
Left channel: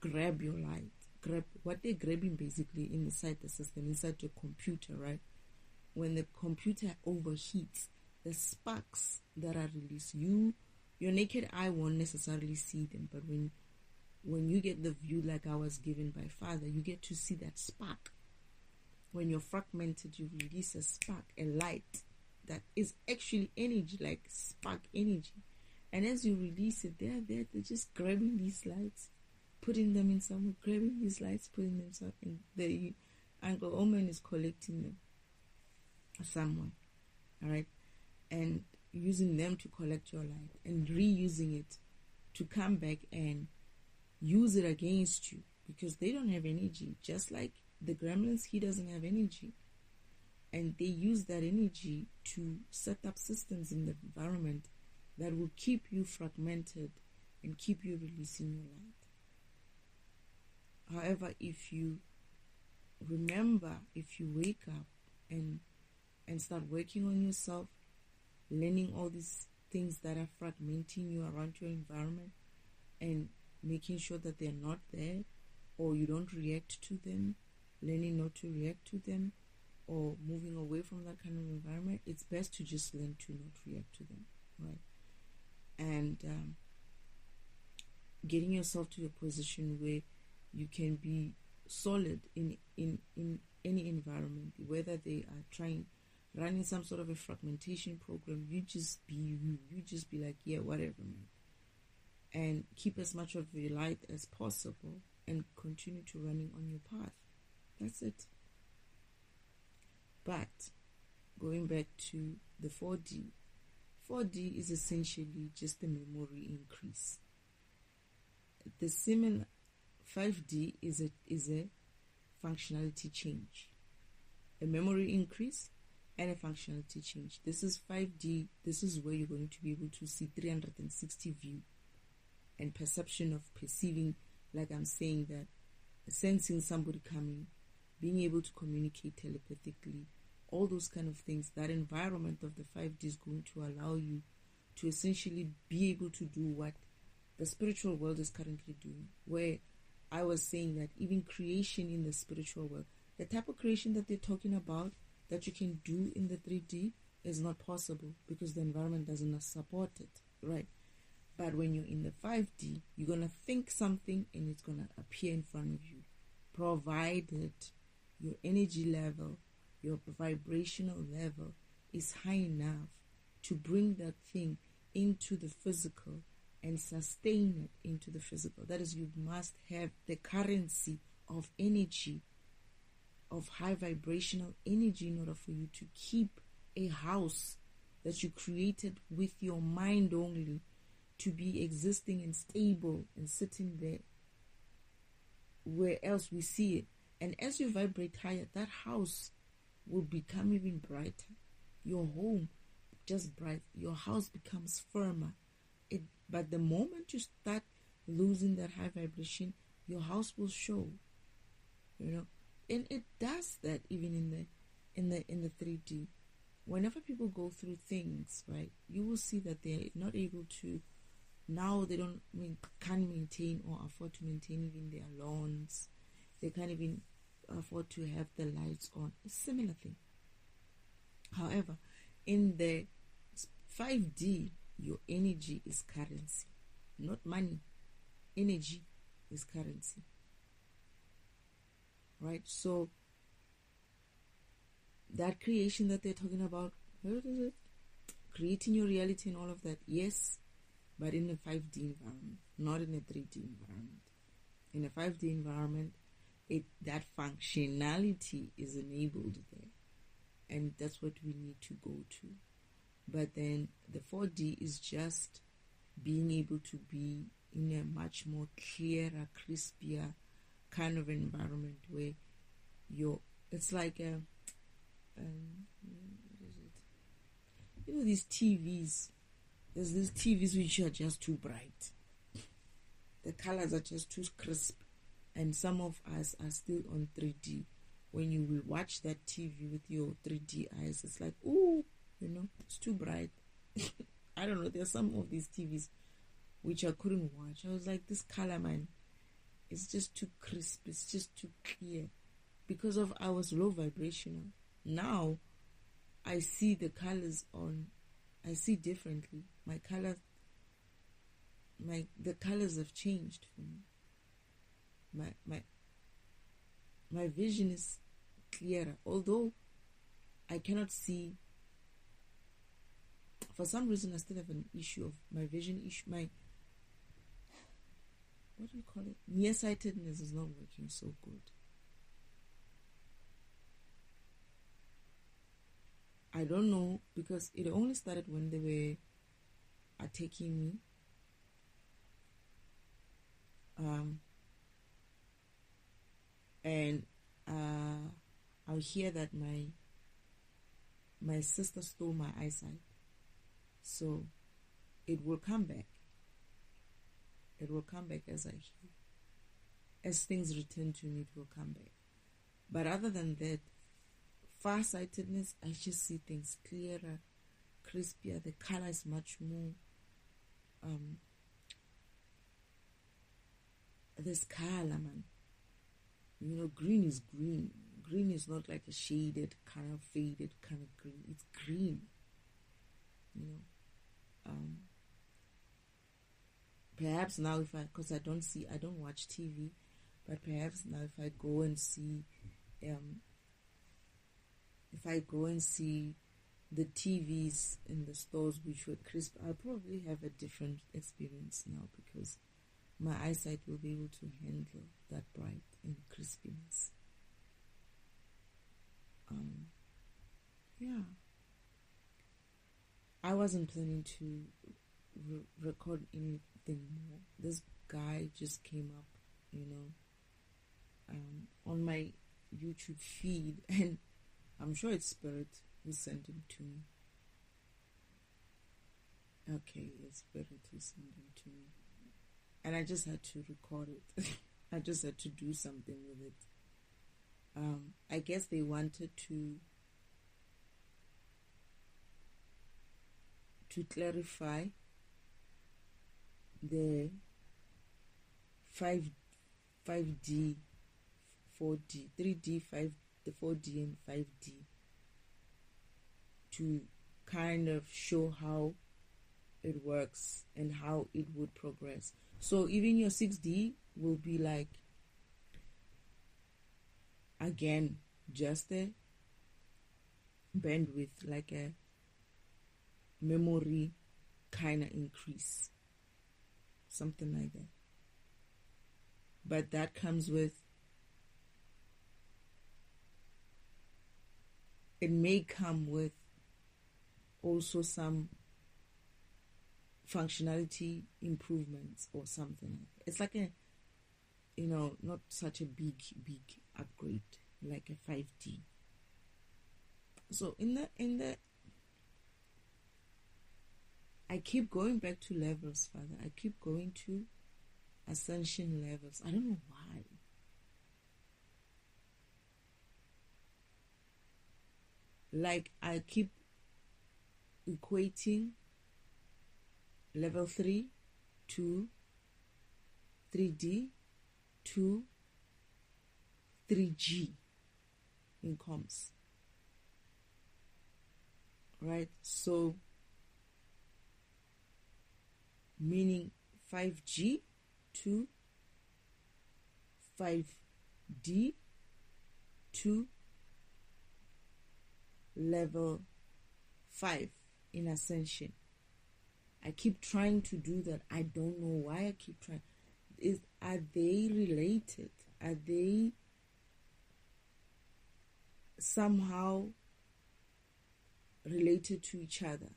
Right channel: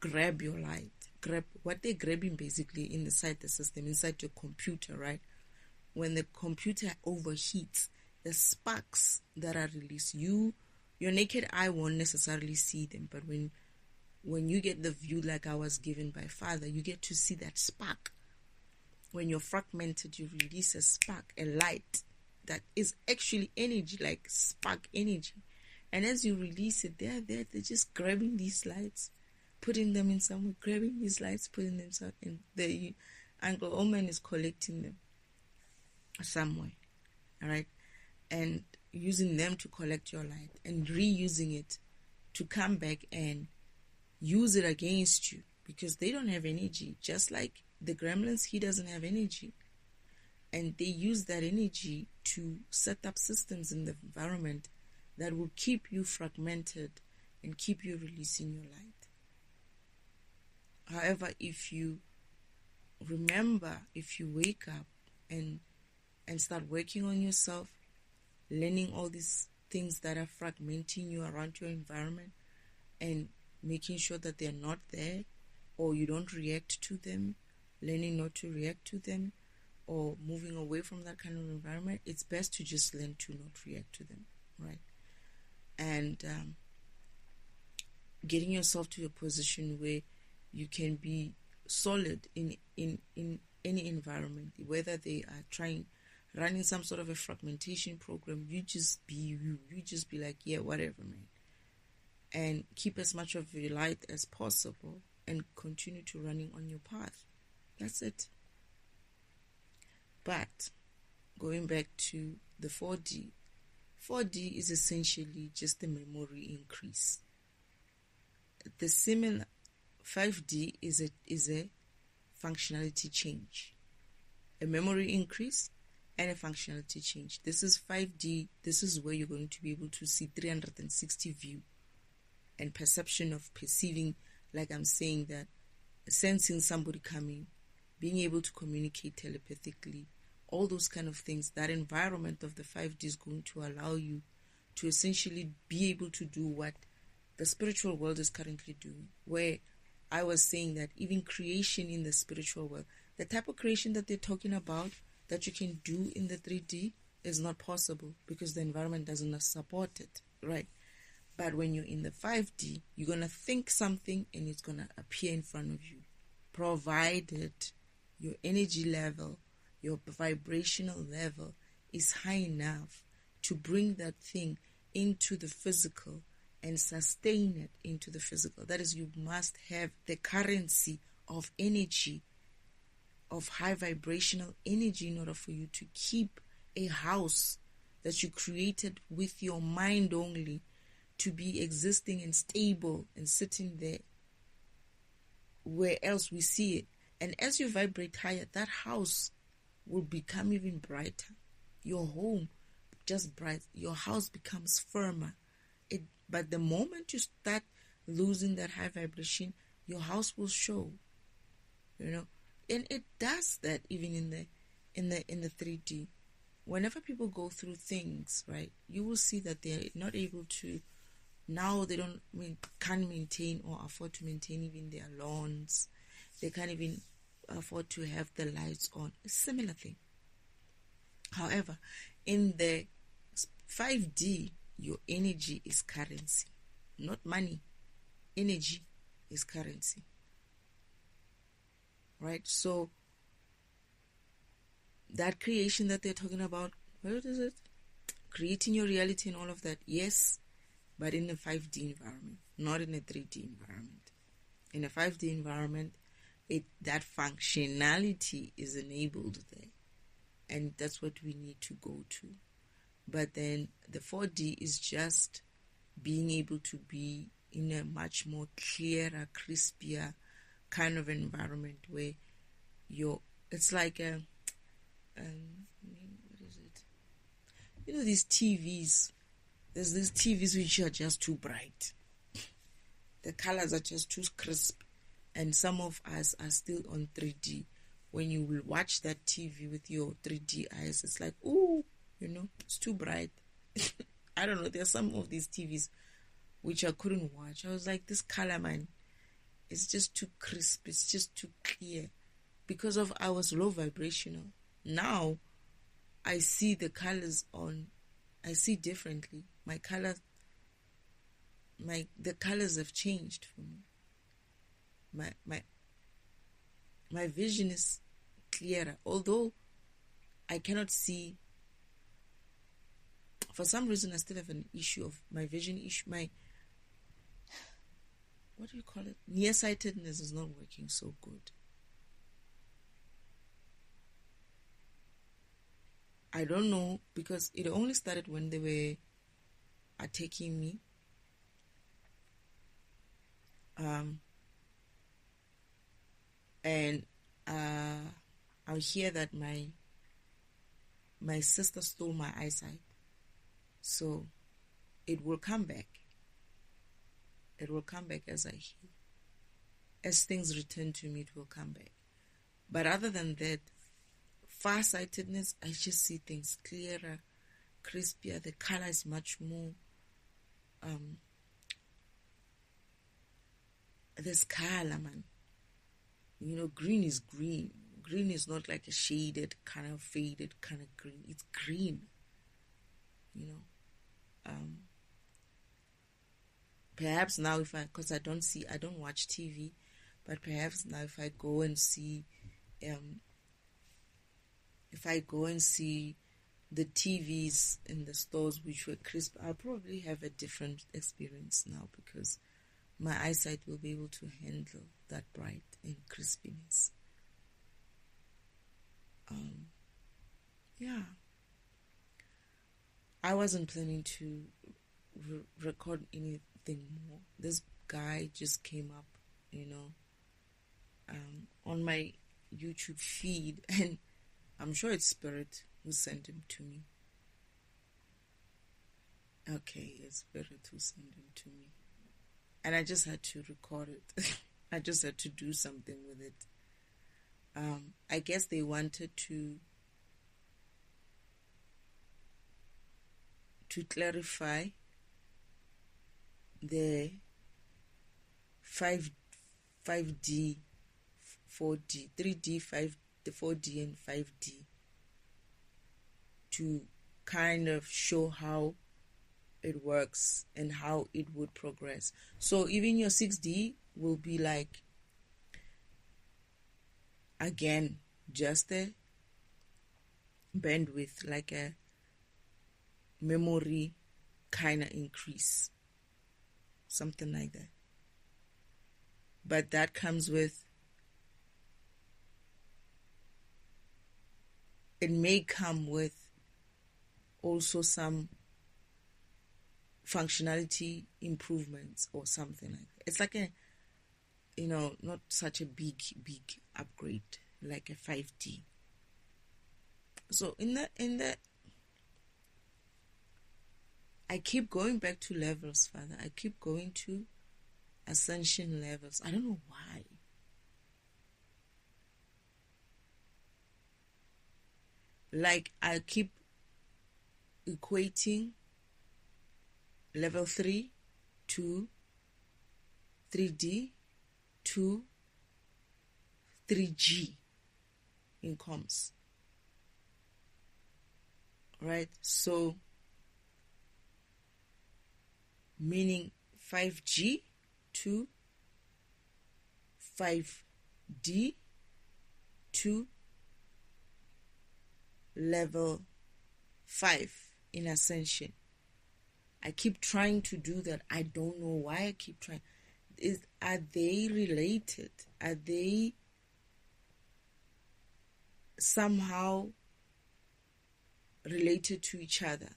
grab your light, grab what they're grabbing basically inside the system, inside your computer, right? When the computer overheats, the sparks that are released, your naked eye won't necessarily see them, but when you get the view like I was given by Father, you get to see that spark. When you're fragmented, you release a spark, a light that is actually energy, like spark energy. And as you release it, they're just grabbing these lights, putting them in somewhere, grabbing these lights, putting them somewhere, and the Uncle Oman is collecting them somewhere. All right. and using them to collect your light and reusing it to come back and use it against you, because they don't have energy. Just like the gremlins, he doesn't have energy. And they use that energy to set up systems in the environment that will keep you fragmented and keep you releasing your light. However, if you remember, if you wake up and start working on yourself, learning all these things that are fragmenting you around your environment and making sure that they're not there, or you don't react to them, learning not to react to them, or moving away from that kind of environment, it's best to just learn to not react to them, right? And getting yourself to a position where you can be solid in any environment, whether they are running some sort of a fragmentation program, you just be you. You just be like, yeah, whatever, man. And keep as much of your light as possible and continue to running on your path. That's it. But going back to the 4D is essentially just a memory increase. The similar 5D is a functionality change, a memory increase and a functionality change. This is 5D. This is where you're going to be able to see 360 view and perception of perceiving, like I'm saying, that sensing somebody coming, being able to communicate telepathically, all those kind of things. That environment of the 5D is going to allow you to essentially be able to do what the spiritual world is currently doing, where I was saying that even creation in the spiritual world, the type of creation that they're talking about that you can do in the 3D is not possible because the environment doesn't support it, right? But when you're in the 5D, you're going to think something and it's going to appear in front of you, provided your energy level, your vibrational level is high enough to bring that thing into the physical and sustain it into the physical. That is, you must have the currency of energy, of high vibrational energy, in order for you to keep a house that you created with your mind only to be existing and stable and sitting there where else we see it. And as you vibrate higher, that house will become even brighter. Your home just bright. Your house becomes firmer. But the moment you start losing that high vibration, your house will show. And it does that even in the 3D. Whenever people go through things, right, you will see that they're not able to. Now they can't maintain or afford to maintain even their lawns. They can't even afford to have the lights on. A similar thing. However, in the 5D, your energy is currency, not money. Energy is currency. Right? So, that creation that they're talking about, what is it? Creating your reality and all of that, yes, but in a 5D environment, not in a 3D environment. In a 5D environment, that functionality is enabled there. And that's what we need to go to. But then the 4D is just being able to be in a much more clearer, crispier kind of environment where it's like what is it? These TVs. There's these TVs which are just too bright. The colors are just too crisp. And some of us are still on 3D. When you will watch that TV with your 3D eyes, it's like, ooh, it's too bright. I don't know. There's some of these TVs which I couldn't watch. I was like, this color, man, it's just too crisp. It's just too clear. Because of I was low vibrational. Now, I see the colors I see differently. The colors have changed for me. My vision is clearer. Although I cannot see, for some reason I still have an issue of my vision issue. What do you call it? Nearsightedness is not working so good. I don't know, because it only started when they were attacking me. And I hear that my sister stole my eyesight, so it will come back. It will come back as I heal. As things return to me, it will come back. But other than that, farsightedness, I just see things clearer, crispier. The color is much more. There's color, man. You know, green is green. Green is not like a shaded, kind of faded kind of green. It's green. You know. Perhaps now because I don't watch TV, but perhaps now if I go and see the TVs in the stores which were crisp, I'll probably have a different experience now, because my eyesight will be able to handle that bright and crispiness. Yeah. I wasn't planning to record anything more. This guy just came up, on my YouTube feed, and I'm sure it's Spirit who sent him to me. Okay, it's Spirit who sent him to me. And I just had to record it. I just had to do something with it. I guess they wanted to clarify the 5D, 4D, 3D, 4D and 5D, to kind of show how it works and how it would progress. So even your 6D will be like, again, just a bandwidth, like a memory kind of increase, something like that. But that comes with, it may come with also some functionality improvements or something like that. It's like a, not such a big upgrade like a 5D. So in the I keep going back to levels, Father. I keep going to ascension levels. I don't know why. Like, I keep equating level 3 to 3D to 3G in comms. Right? So, meaning 5G to 5D to level 5 in ascension. I keep trying to do that. I don't know why I keep trying. Are they related? Are they somehow related to each other?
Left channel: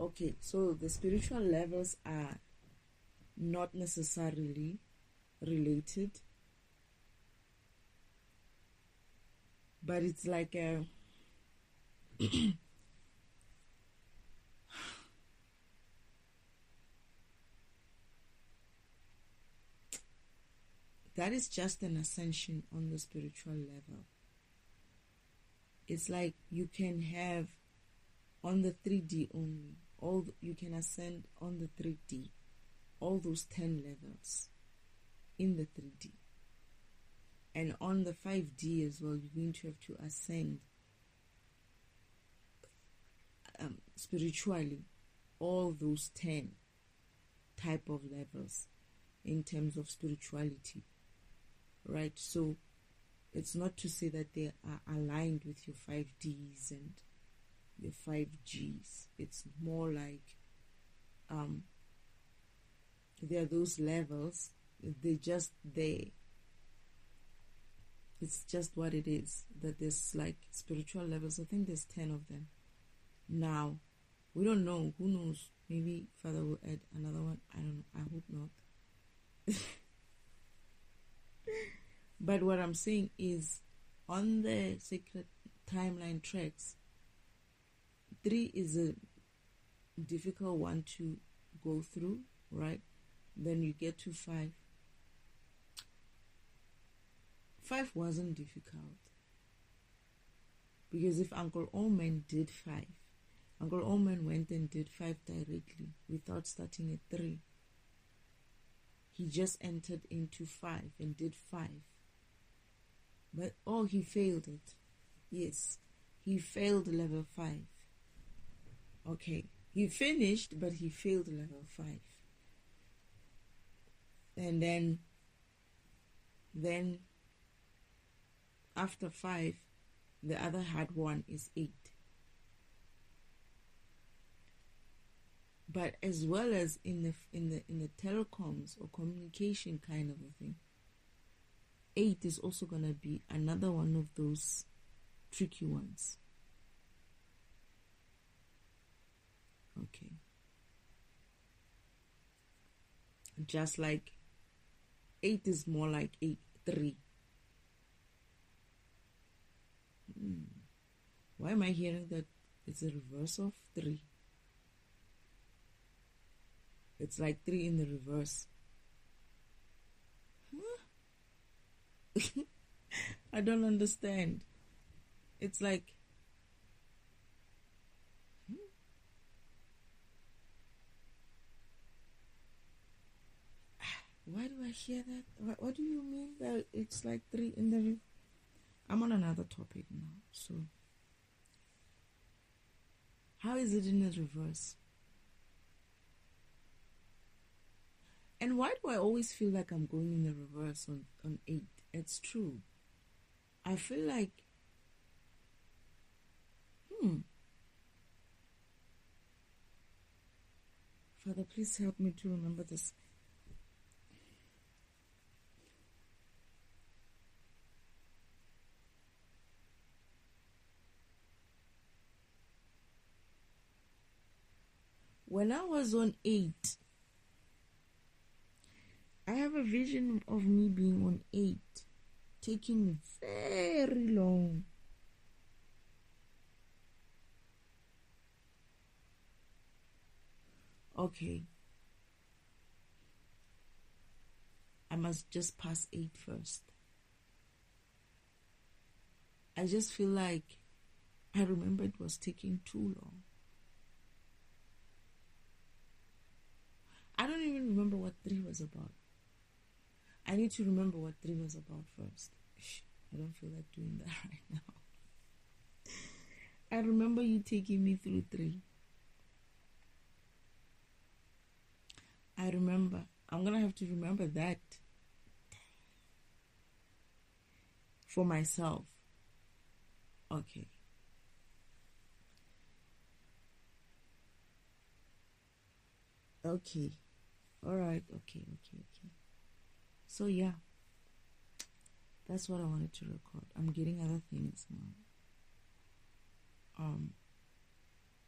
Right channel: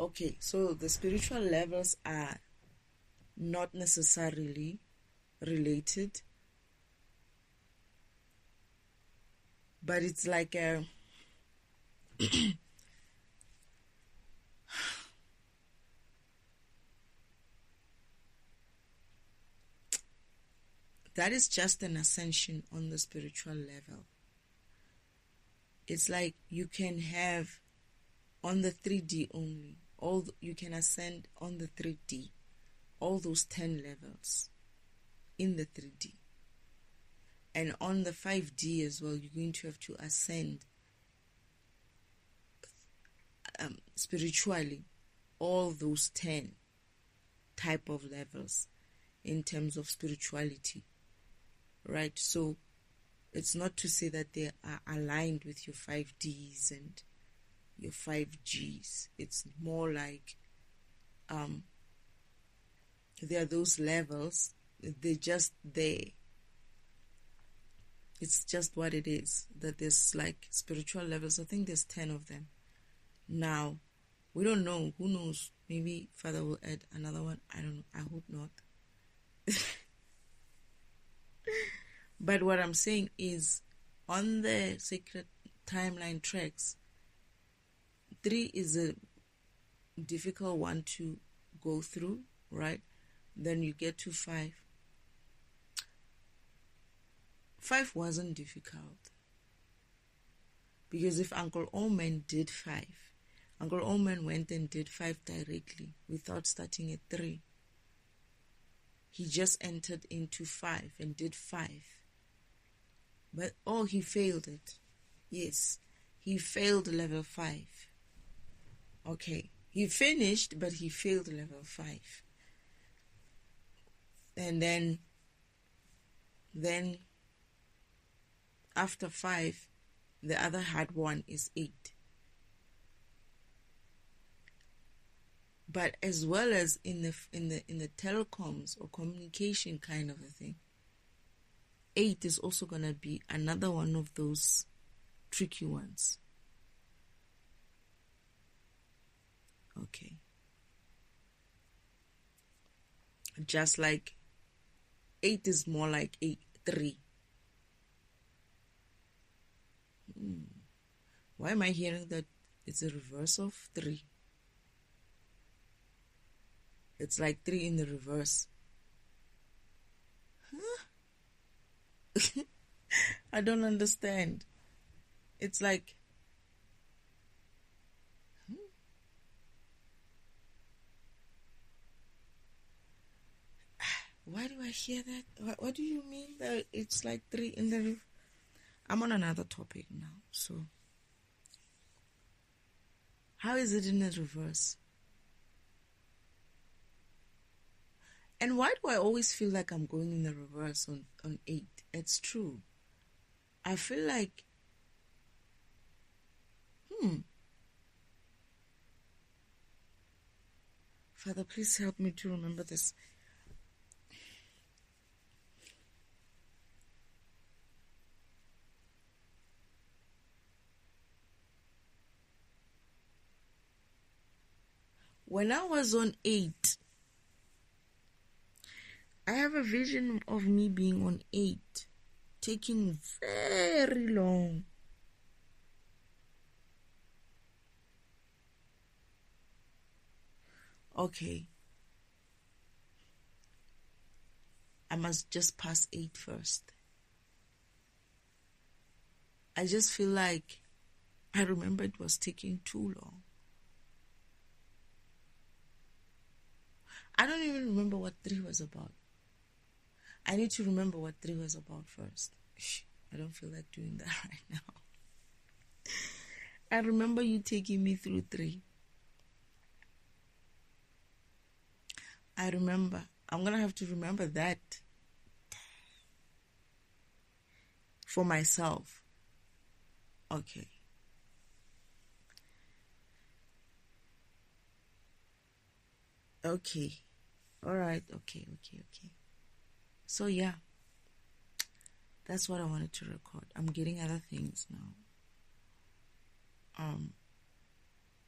Okay, so the spiritual levels are not necessarily related, but it's like a that is just an ascension on the spiritual level. It's like you can have on the 3D only, you can ascend on the 3D, all those 10 levels in the 3D. And on the 5D as well, you're going to have to ascend spiritually all those 10 type of levels in terms of spirituality, right? So it's not to say that they are aligned with your 5Ds and your 5Gs. It's more like there are those levels. They're just there. It's just what it is. That there's like spiritual levels. I think there's 10 of them. Now, we don't know. Who knows? Maybe Father will add another one. I don't know. I hope not. But what I'm saying is, on the sacred timeline tracks, 3 is a difficult one to go through, right? Then you get to 5. 5 wasn't difficult, because if Uncle Omen did 5, Uncle Omen went and did 5 directly without starting at 3. He just entered into 5 and did 5. But he failed it. Yes, he failed level 5. Okay, he finished, but he failed level 5. And then after 5, the other hard one is 8. But as well as in the telecoms or communication kind of a thing, 8 is also going to be another one of those tricky ones. Okay. Just like 8 is more like 3. Why am I hearing that it's a reverse of 3? It's like 3 in the reverse. Huh? I don't understand. It's like... Why do I hear that? What do you mean that it's like 3 in the... I'm on another topic now, so... How is it in the reverse? And why do I always feel like I'm going in the reverse on 8? It's true. I feel like... Father, please help me to remember this. When I was on 8, I have a vision of me being on 8, taking very long. Okay. I must just pass 8 first. I just feel like I remember it was taking too long. I don't even remember what 3 was about. I need to remember what 3 was about first. I don't feel like doing that right now. I remember you taking me through 3. I remember. I'm going to have to remember that for myself. Okay. Okay. All right. Okay. So yeah, that's what I wanted to record. I'm getting other things now.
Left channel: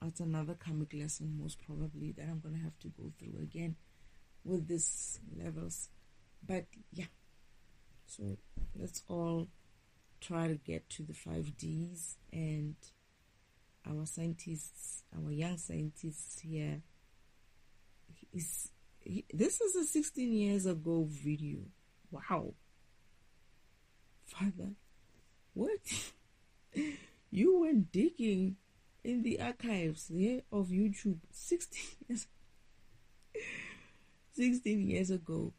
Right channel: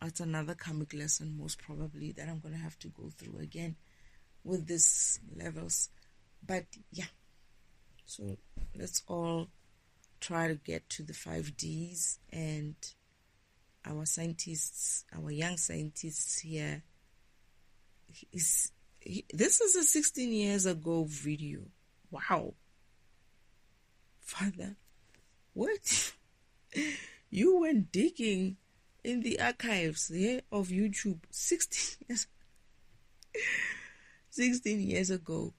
It's another karmic lesson, most probably, that I'm going to have to go through again with these levels. But yeah, so let's all try to get to the 5Ds, and our scientists, our young scientists here, this is a 16 years ago video. Wow. Father, what? You went digging in the archives of YouTube 16 years ago.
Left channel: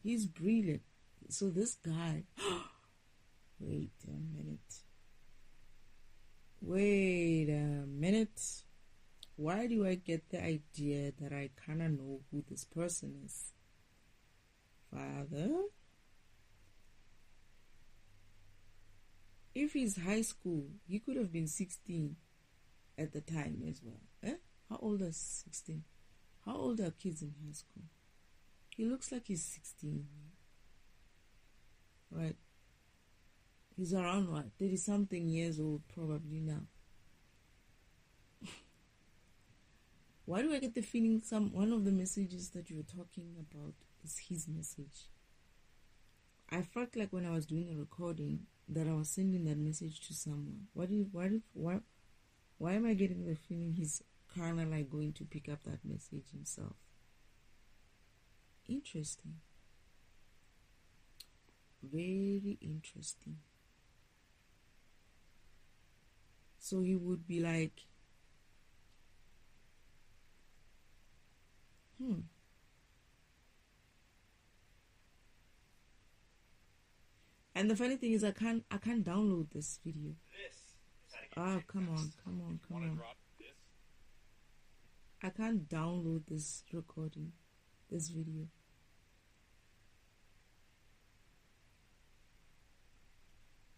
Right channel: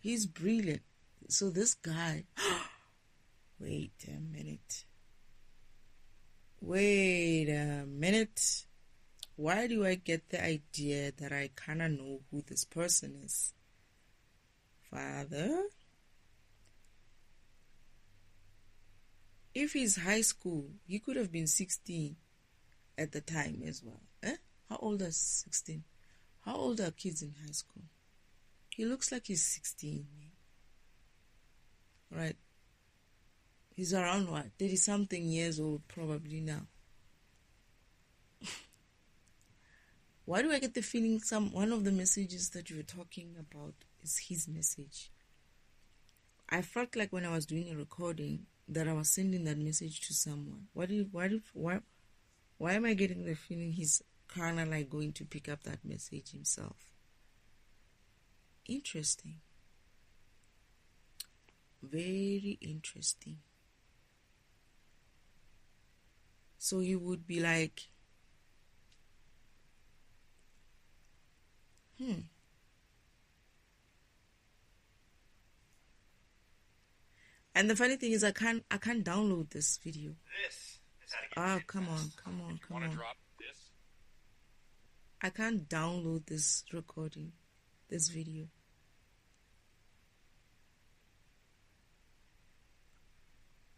He's brilliant. So this guy, wait a minute. Why do I get the idea that I kind of know who this person is? Father? If he's high school, he could have been 16 at the time as well. How old is 16? How old are kids in high school? He looks like he's 16. Right? He's around what? 30 something years old probably now. Why do I get the feeling one of the messages that you were talking about is his message? I felt like when I was doing a recording that I was sending that message to someone. Why am I getting the feeling he's kind of like going to pick up that message himself? Interesting. Very interesting. So he would be like, And the funny thing is I can't download this video. This is how to get Come on. drop this. I can't download this recording, this video.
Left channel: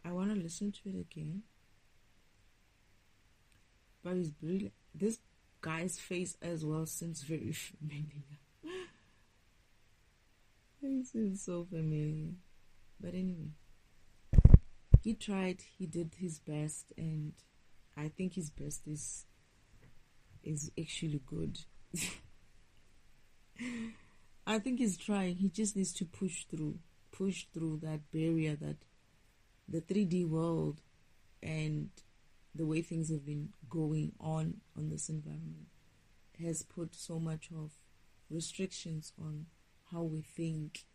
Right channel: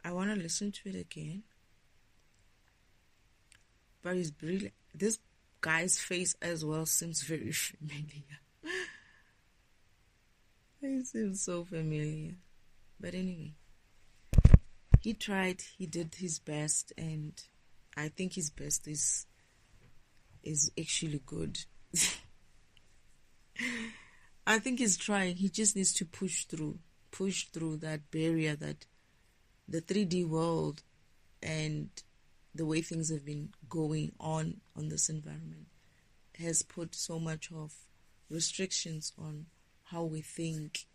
I want to listen to it again. But it's brilliant. This guy's face as well seems very familiar. It seems so familiar. But anyway, he tried, he did his best, and I think his best is actually good. I think he's trying. He just needs to push through that barrier that the 3D world and the way things have been going on this environment has put so much of restrictions on how we think,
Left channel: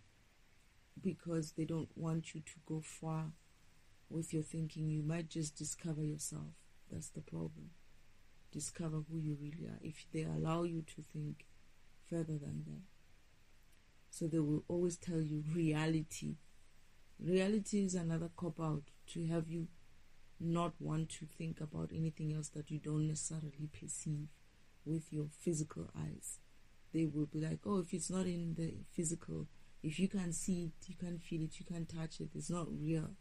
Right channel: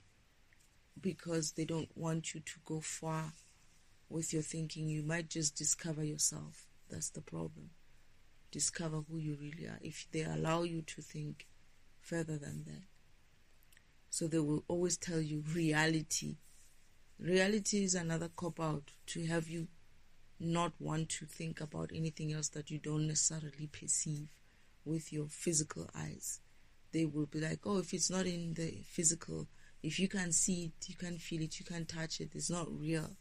because they don't want you to go far with your thinking. You might just discover yourself. That's the problem. Discover who you really are if they allow you to think further than that. So they will always tell you reality. Reality is another cop-out to have you not want to think about anything else that you don't necessarily perceive with your physical eyes. They will be like, oh, if it's not in the physical, if you can't see it, you can't feel it, you can't touch it, it's not real.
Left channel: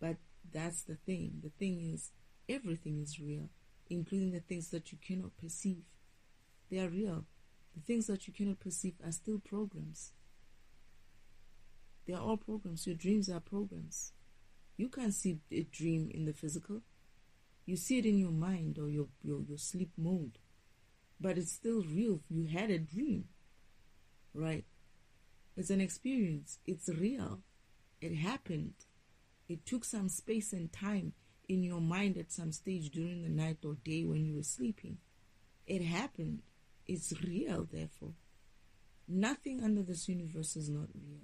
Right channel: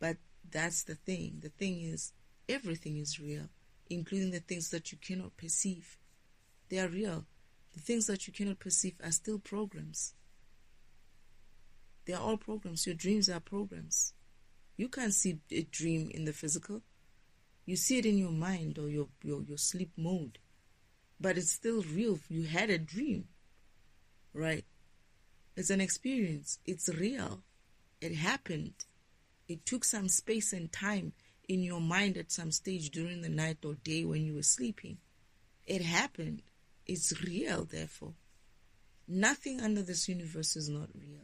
But that's the thing. The thing is, everything is real, including the things that you cannot perceive. They are real. The things that you cannot perceive are still programs. They are all programs. Your dreams are programs. You can't see a dream in the physical. You see it in your mind or your sleep mode. But it's still real. You had a dream, right? It's an experience. It's real. It happened. It took some space and time in your mind at some stage during the night or day when you were sleeping. It happened. It's real, therefore. Nothing under this universe is not real.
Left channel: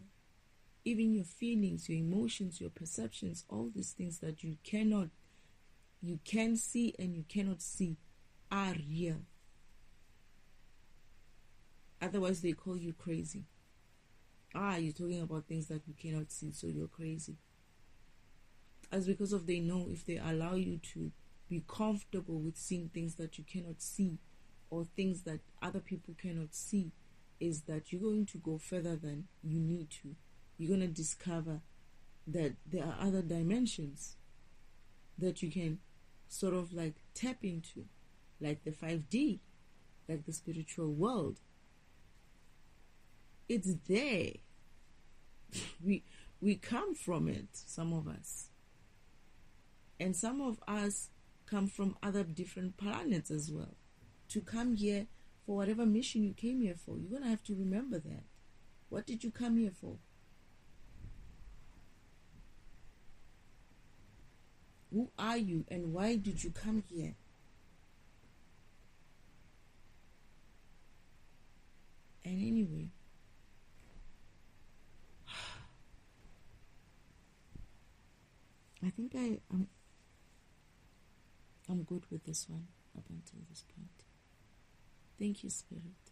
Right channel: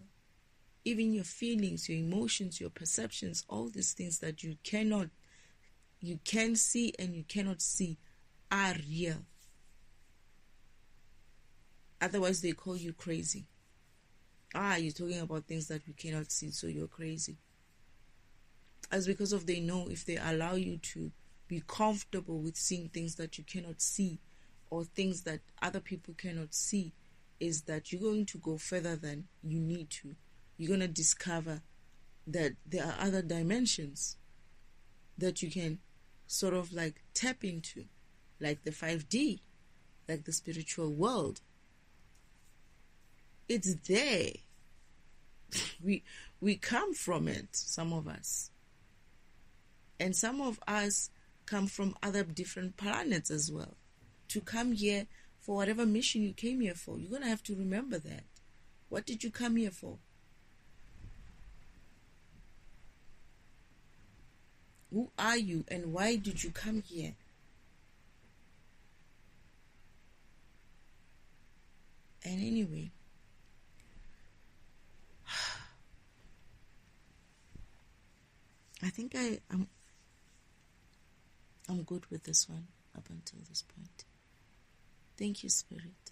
Even your feelings, your emotions, your perceptions, all these things that you can see and you cannot see are real. Otherwise, they call you crazy. You're talking about things that we cannot see, so you're crazy. As because of they know if they allow you to be comfortable with seeing things that you cannot see or things that other people cannot see, is that you're going to go further than you need to. You're going to discover that there are other dimensions that you can sort of like tap into, like the 5D, like the spiritual world. It's there. We come from it, some of us. And some of us come from other different planets as well. To come here for whatever mission you came here for, you're going to have to remember that. What did you come here for? Who are you and why did you come here? And anyway, I think I'm good with this one up until this point. Thank you, Spirit.